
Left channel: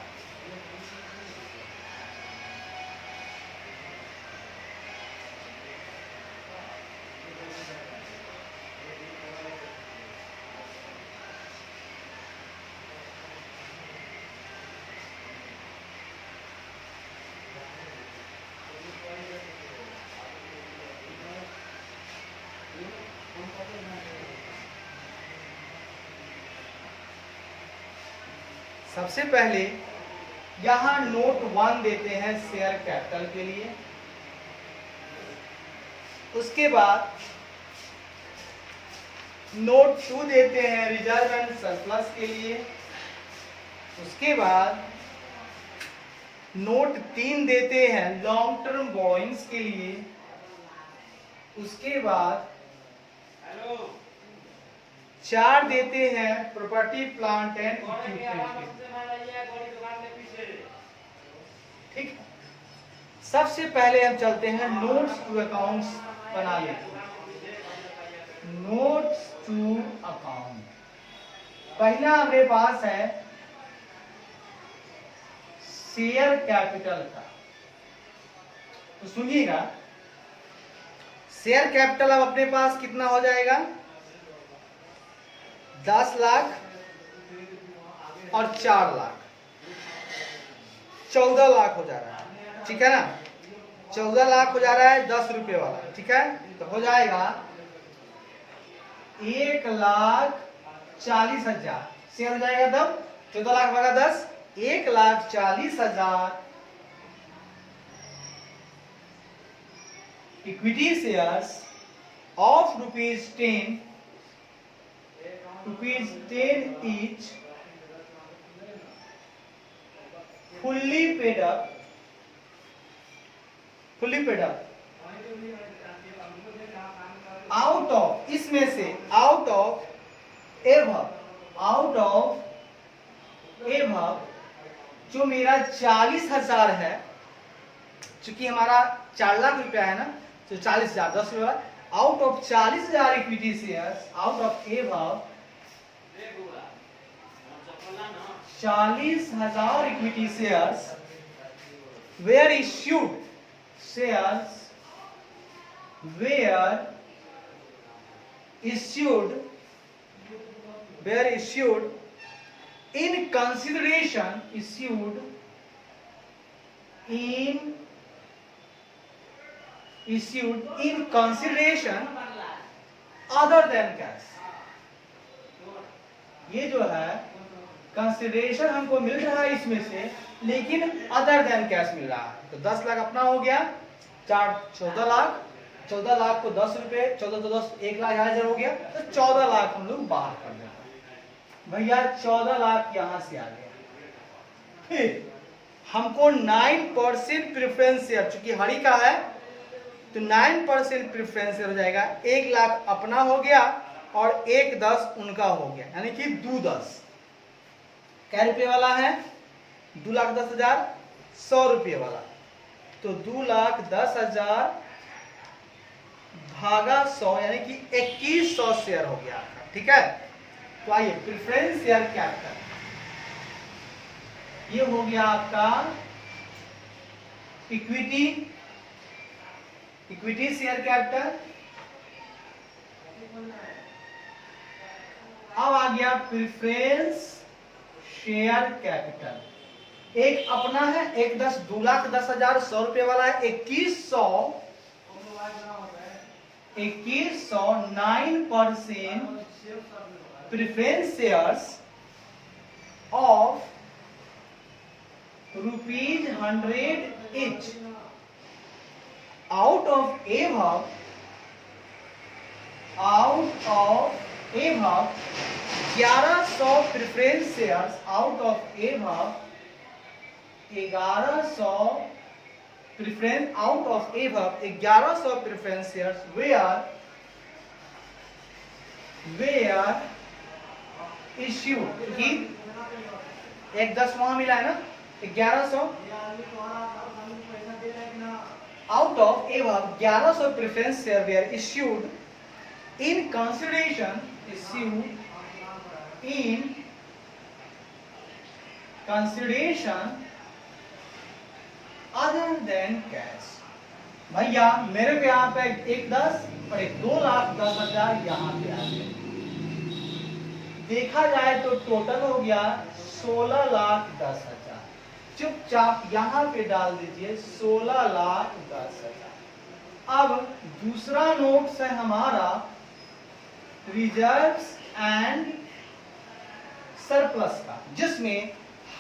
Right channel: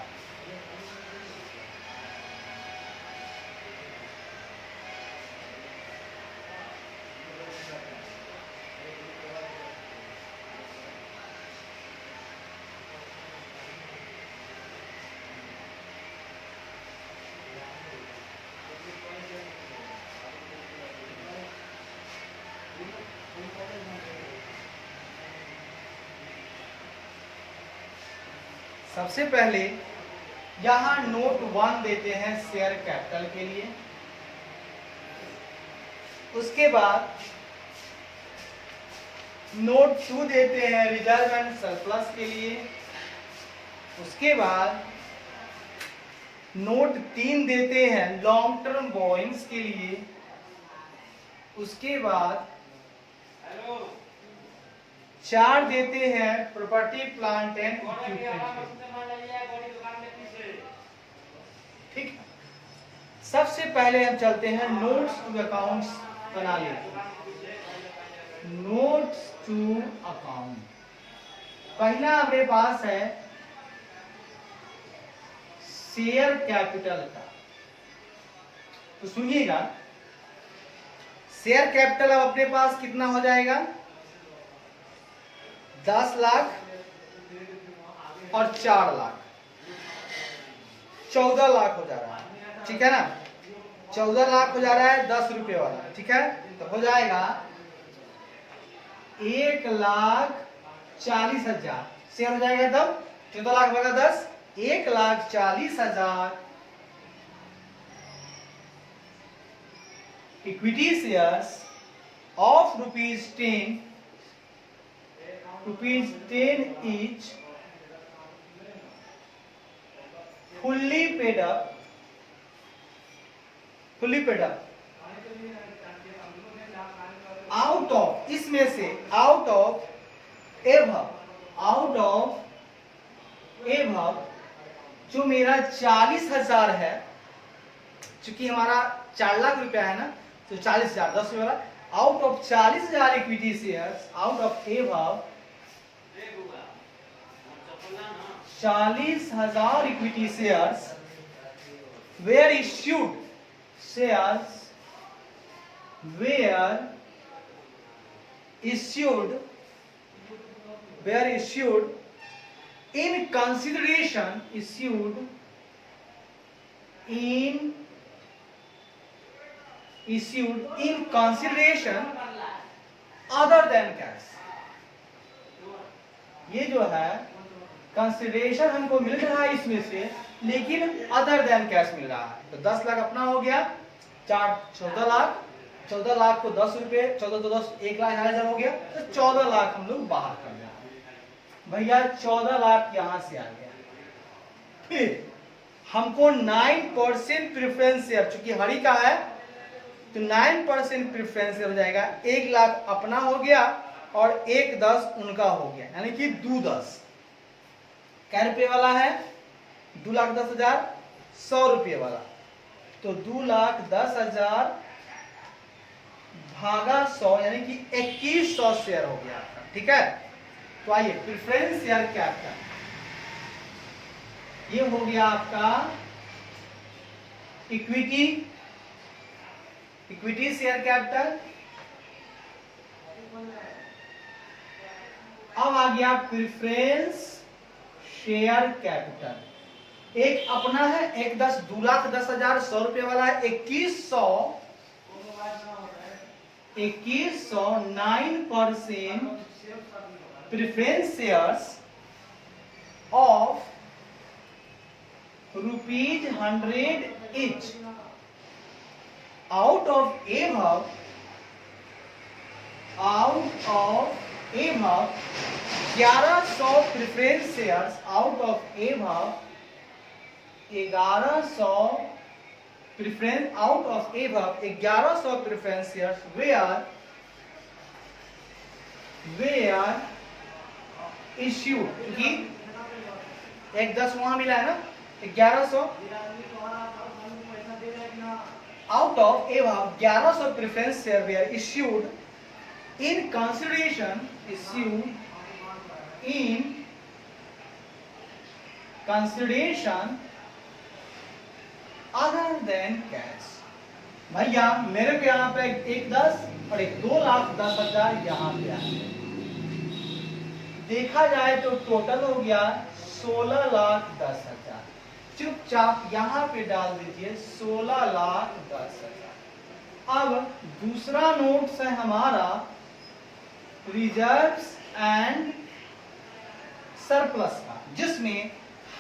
सबसे पहले यहां नोट 1 देते हैं शेयर कैपिटल के लिए, उसके बाद नोट 2 देते हैं रिजर्व एंड सरप्लस के लिए, उसके बाद नोट 3 देते हैं लॉन्ग टर्म बोरोइंग्स के लिए, उसके बाद 4 देते हैं प्रॉपर्टी प्लांट एंड इक्विपमेंट के। ठीक है, सबसे पहले हम चलते हैं नोट्स टू अकाउंट्स बना लेते हैं। नोट्स टू अकाउंट पहला हमारे पास है शेयर कैपिटल का, तो सुनिएगा शेयर कैपिटल अब अपने पास कितना हो जाएगा? 10 लाख और 4 लाख, 14 लाख हो जा रहा है, ठीक है ना? 14 लाख हो जा रहा है 10 रुपए वाला, ठीक है? तो हो जाएगा 1,40,000 शेयर हो जाएगा, तब 14 लाख वाला 10, 1,40,000 equity shares of ₹10 each, fully paid up out of, इसमें से out of above जो मेरा 40,000 है, चूंकि हमारा 4 लाख रुपया है ना, तो 40,000 10 रुपये, out of 40,000 equity shares, out of above 40,000 equity shares where issued in consideration other than cash। ये जो है कंसिडरेशन हमको मिल रहा है इसमें से, लेकिन अदर देन कैश मिल रहा है, तो 10 लाख अपना हो गया, 14 लाख, 14 लाख को 10 रुपए, 14 तो 10, 1,00,000 हो गया, तो 14 लाख हम लोग बाहर कर देते हैं। भैया 14 लाख यहां से आ गया। फिर हमको 9% प्रेफरेंस शेयर, चूंकि हरी का है तो 9% प्रेफरेंस शेयर हो जाएगा, 1 लाख अपना हो गया और 1,10 उनका हो गया, यानी कि 2,10। क्या रुपये वाला है? 2,10,000, 100 रुपये वाला, तो 2,10,000 भागा 100, यानी कि 2,100 शेयर हो गया, ठीक है? तो आइए प्रेफरेंस शेयर कैपिटल, ये हो गया आपका इक्विटी शेयर कैपिटल। अब आ गया प्रेफरेंस शेयर कैपिटल। एक अपना है, 1,10, 2,10,000, 100 रुपये वाला है, 2,100, 9% preference shares of ₹100 each. Out of above 1100 preference shares, out of above 1100 preference, out of above 1100 preference shares were issued, क्योंकि एक 10 वहां मिला है ना, 1100 out of above 1100 preference shares were issued in consideration other than cash. भैया मेरे को यहाँ पे एक 10 और एक 2,10,000 यहाँ पे आ गया। देखा जाए तो टोटल हो गया 16,10,000। चुपचाप यहाँ पे डाल दीजिए 16,10,000। अब दूसरा नोट्स है हमारा रिजर्व्स एंड सरप्लस का, जिसमें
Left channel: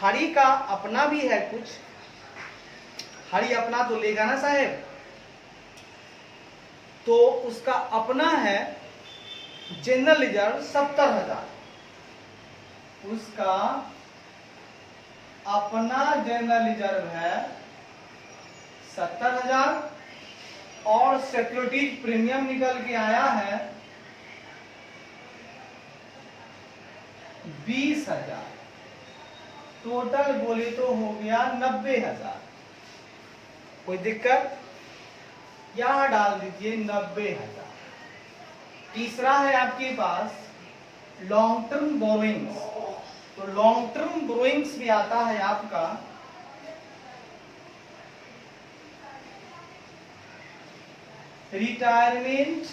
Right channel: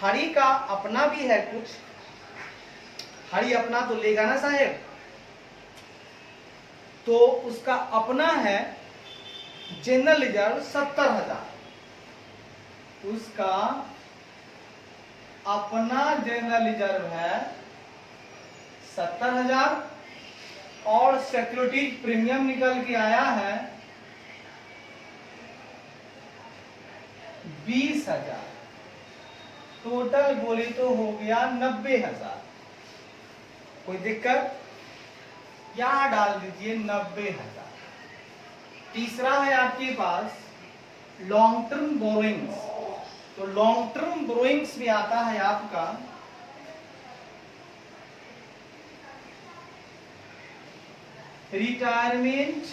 हरि का अपना भी है कुछ। हरि अपना तो लेगा ना साहेब, तो उसका अपना है जनरल रिजर्व 70,000। उसका अपना जनरल रिजर्व है 70,000 और सिक्योरिटीज प्रीमियम निकल के आया है 20,000। टोटल बोले तो हो गया 90,000। कोई दिक्कत? यहां डाल दीजिए 90,000। तीसरा है आपके पास लॉन्ग टर्म बोरोइंग्स। तो लॉन्ग टर्म बोरोइंग्स में आता है आपका रिटायरमेंट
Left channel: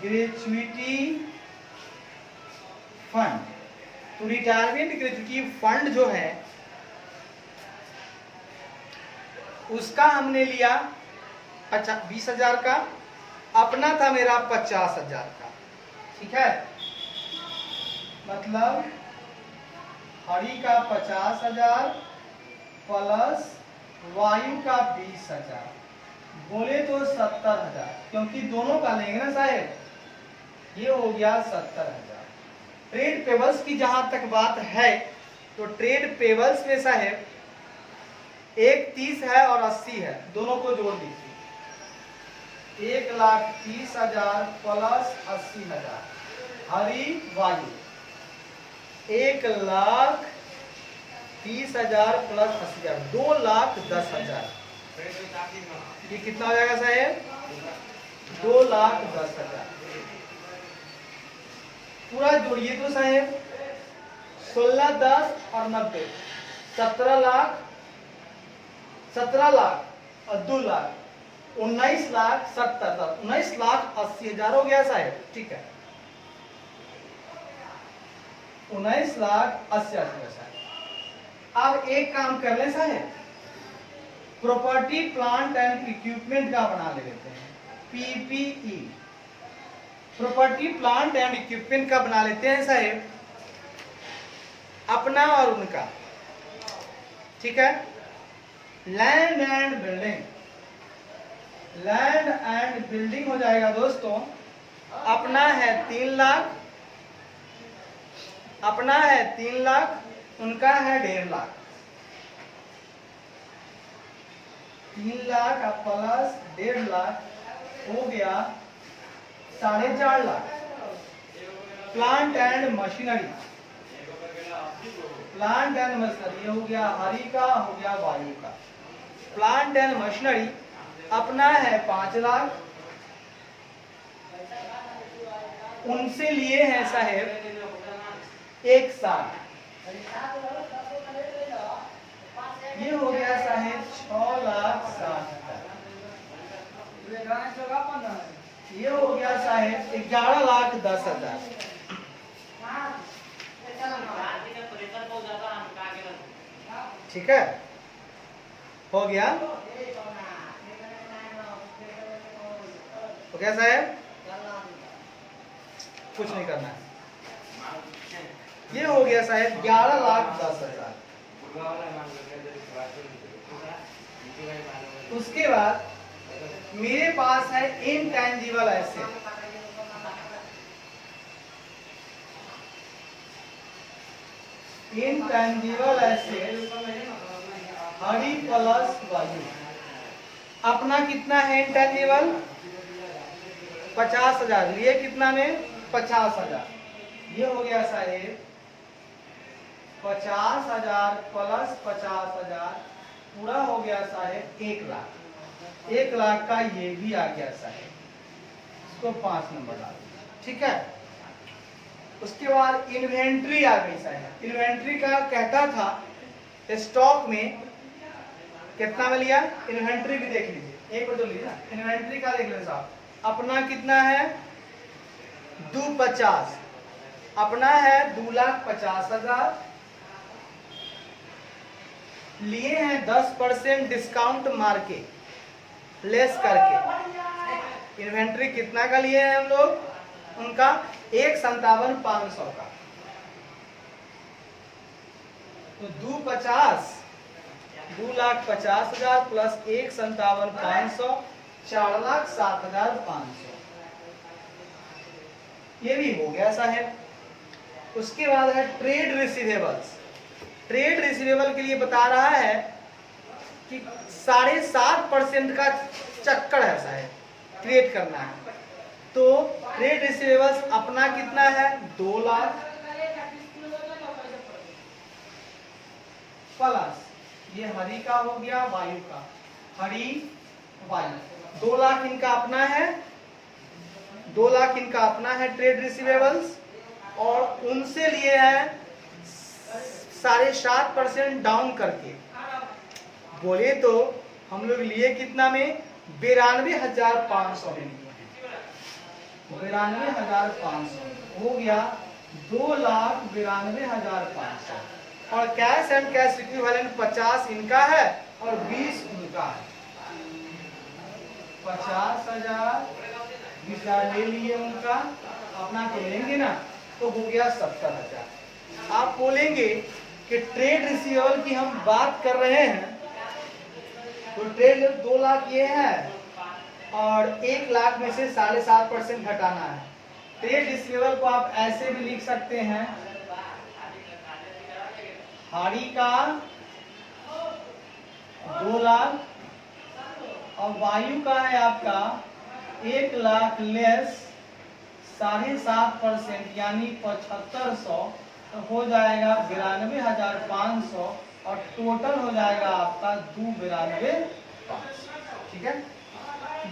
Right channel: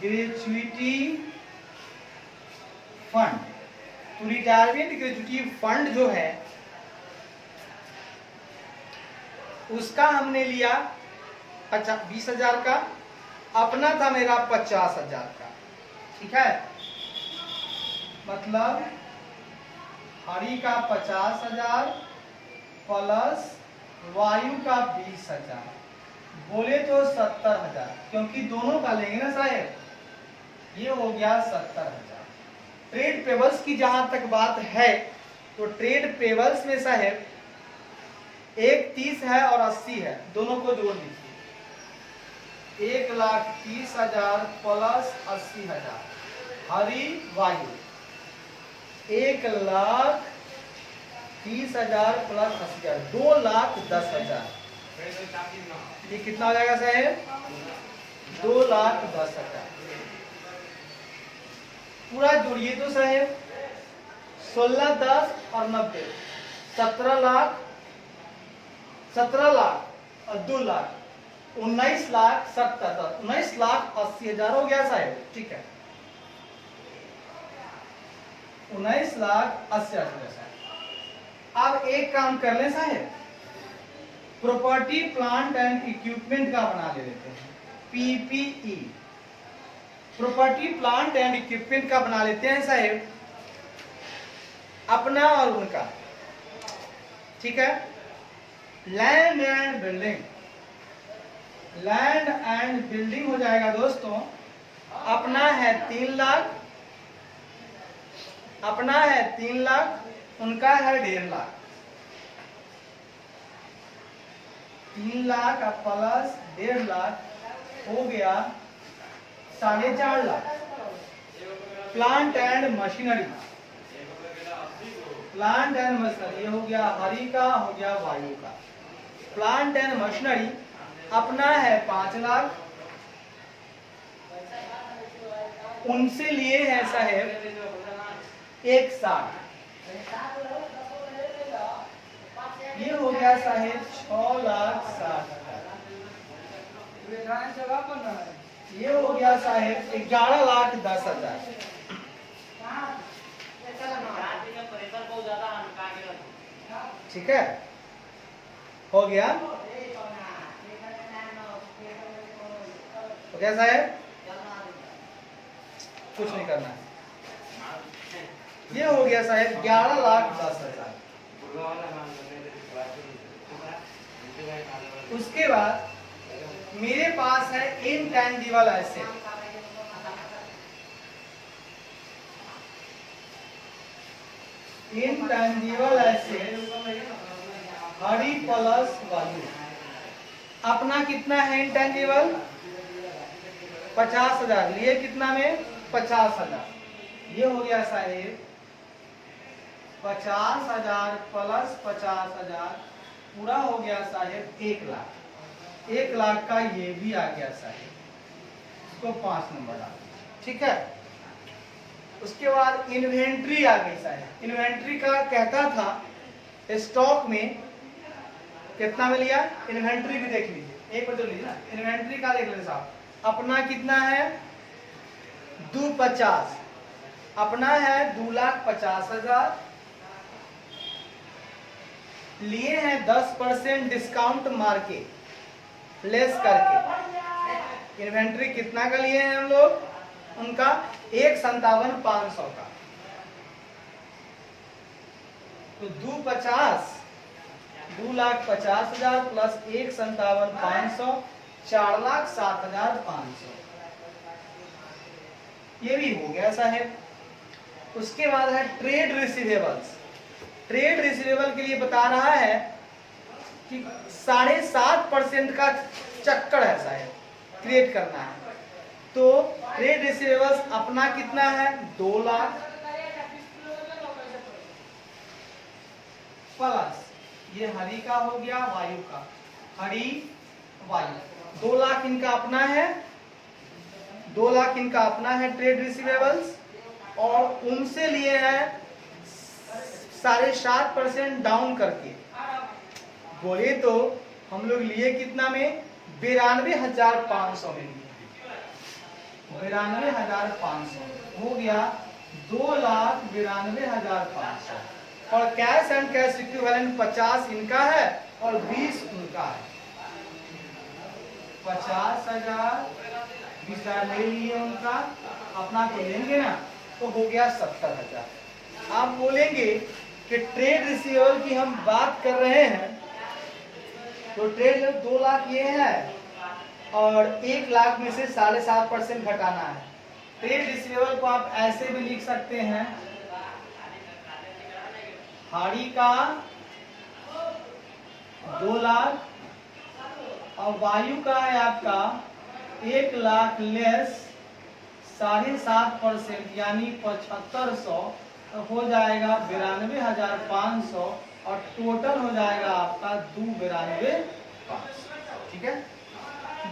ग्रेच्युटी फंड। तो रिटायरमेंट ग्रेच्युटी फंड जो है उसका हमने लिया 20,000 का, अपना था मेरा 50,000 का। ठीक है, मतलब हरि का 50,000 प्लस वायु का 20,000, बोले तो 70,000, क्योंकि दोनों का लेंगे ना साहेब। ये हो गया 70,000। ट्रेड पेबल्स की जहां तक बात है तो ट्रेड पेबल्स में साहेब एक 30 है और 80 है, दोनों को जोड़ दीजिए। 1,30,000 प्लस 80,000 हरि वायु 1,30,000 प्लस 80,000 2,10,000। ये कितना हो जाएगा साहेब? 2,10,000। पूरा जोड़िए तो साहेब 16, 10 और 90 17 लाख और 2 लाख 19,70,000 19,80,000 हो गया साहेब। ठीक है, 19,80,000। अब एक काम कर लें साहेब, प्रॉपर्टी प्लांट एंड इक्विपमेंट का बना लेते हैं, PPE। Property plant and equipment का बना लेते हैं साहेब, अपना और उनका। ठीक है, land and building. Land and building हो जाएगा दोस्तों, अपना है 3 लाख, अपना है 3 लाख, उनका है 1.5 लाख। 3 लाख प्लस 1.5 लाख हो गया 4.5 lakh. Plant and machinery, plant and machinery ये हो गया हरि का, हो गया वायु का। प्लांट एंड मशीनरी अपना है 5 लाख, उनसे लिए हैं साहेब 1,60,000। ये हो गया साहेब 6,60,000। ये हो गया साहेब 11,10,000। ठीक है, हो गया। तो क्या साहेब, कुछ नहीं करना है। ये हो गया साहब 11,10,000। उसके बाद मेरे पास है इनटैंजिबल एसेट। इनटैंजिबल एसेट हरी प्लस वायु। अपना कितना है इनटैंजिबल? 50,000। ये कितना में? 50,000। ये हो गया साहेब 50,000 प्लस 50,000 पूरा हो गया साहेब 1,00,000। 1,00,000 का ये भी आ गया साहेब, इसको 5 नंबर डाल दिया। ठीक है। उसके बाद इन्वेंट्री आ गई साहब। इन्वेंट्री का कहता था स्टॉक में कितना में लिया, इन्वेंट्री भी देख लीजिए, एक बार तो लीजिए ना, इन्वेंट्री का देख लीजिए साहब। अपना कितना है? 250। अपना है 2,50,000। लिए हैं 10% डिस्काउंट मार्केट लेस करके। इन्वेंट्री कितना का लिए हैं हम लोग? उनका 1,57,500 का। तो 2,50,000 प्लस 1,57,500 4,07,500 ये भी हो गया साहब। उसके बाद है ट्रेड रिसीवेबल्स। ट्रेड रिसीवेबल के लिए बता रहा है कि 7.5% का चक्कर है साहब, क्रिएट करना है। तो ट्रेड रिसीवेबल्स अपना कितना है? 2,00,000 प्लस ये हरी का हो गया, वायु का, हरी वायु 2,00,000 इनका अपना है। 2,00,000 इनका अपना है ट्रेड रिसीवेबल्स, और उनसे लिए हैं 7.5% डाउन करके। बोले तो हम लोग लिए कितना में? 92,500 में लिए। 92,500 हो गया 2,92,500। और कैश एंड कैश इक्विवेलेंट 50 इनका है और 20 उनका है। 50,000 20,000 ले लिए उनका, अपना तो लेंगे ना, तो हो गया 70,000। आप बोलेंगे कि ट्रेड रिसीवेबल की हम बात कर रहे हैं, तो ट्रेड 2,00,000 ये है और 1,00,000 में से 7.5% घटाना है। ट्रेड रिसीवेबल को आप ऐसे भी लिख सकते हैं, हाड़ी का 2,00,000 और वायु का है आपका 1,00,000 लेस 7.5% यानी 7,500, तो हो जाएगा 92,500 और टोटल हो जाएगा आपका 92,500। ठीक है,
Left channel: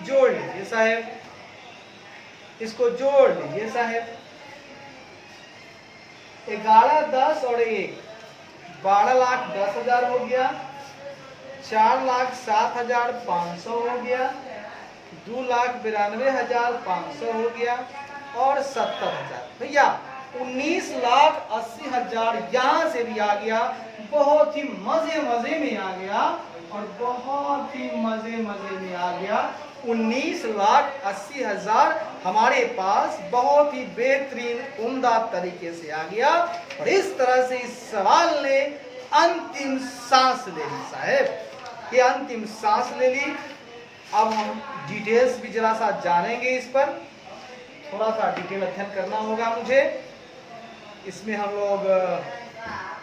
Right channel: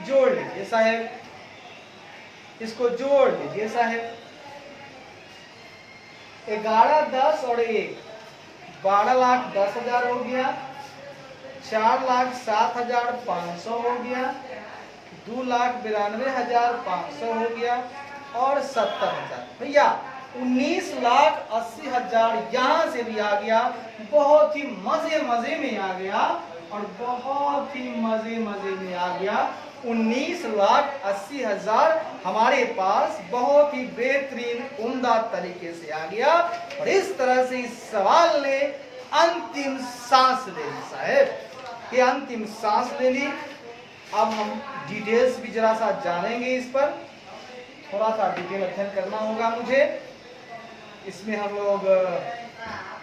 जोड़ लीजिए साहेब, इसको जोड़ लीजिए साहेब। 11, 10 और 1 12,10,000 हो गया, 4,07,500 हो गया, 2,92,500 हो गया और 70,000। भैया 19,80,000 यहाँ से भी आ गया। बहुत ही मजे में आ गया और बहुत ही मजे में आ गया। 19,80,000 हमारे पास बहुत ही बेहतरीन उम्दा तरीके से आ गया। और इस तरह से इस सवाल ने अंतिम सांस ले ली साहब, ये अंतिम सांस ले ली। अब हम डिटेल्स भी जरा सा जानेंगे, इस पर थोड़ा सा डिटेल अध्ययन करना होगा मुझे। इसमें हम लोग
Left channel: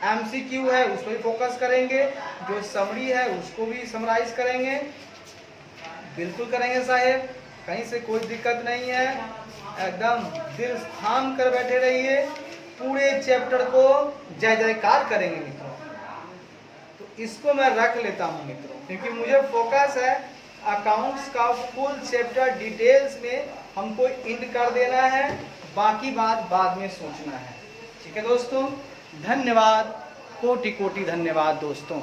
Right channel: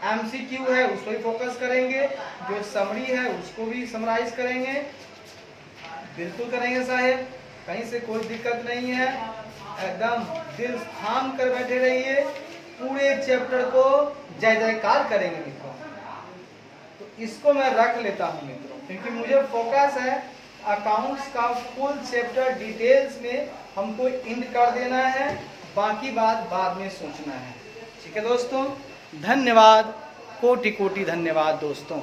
MCQ है उस पर फोकस करेंगे, जो समरी है उसको भी समराइज करेंगे, बिल्कुल करेंगे साहेब, कहीं से कोई दिक्कत नहीं है। एकदम दिल थाम कर बैठे रहिए, पूरे चैप्टर को जय जयकार करेंगे मित्रों। तो इसको मैं रख लेता हूँ मित्रों, क्योंकि मुझे फोकस है अकाउंट्स का फुल चैप्टर डिटेल्स में हमको इंड कर देना है, बाकी बात बाद में सोचना है। ठीक है दोस्तों, धन्यवाद, कोटि कोटि धन्यवाद दोस्तों।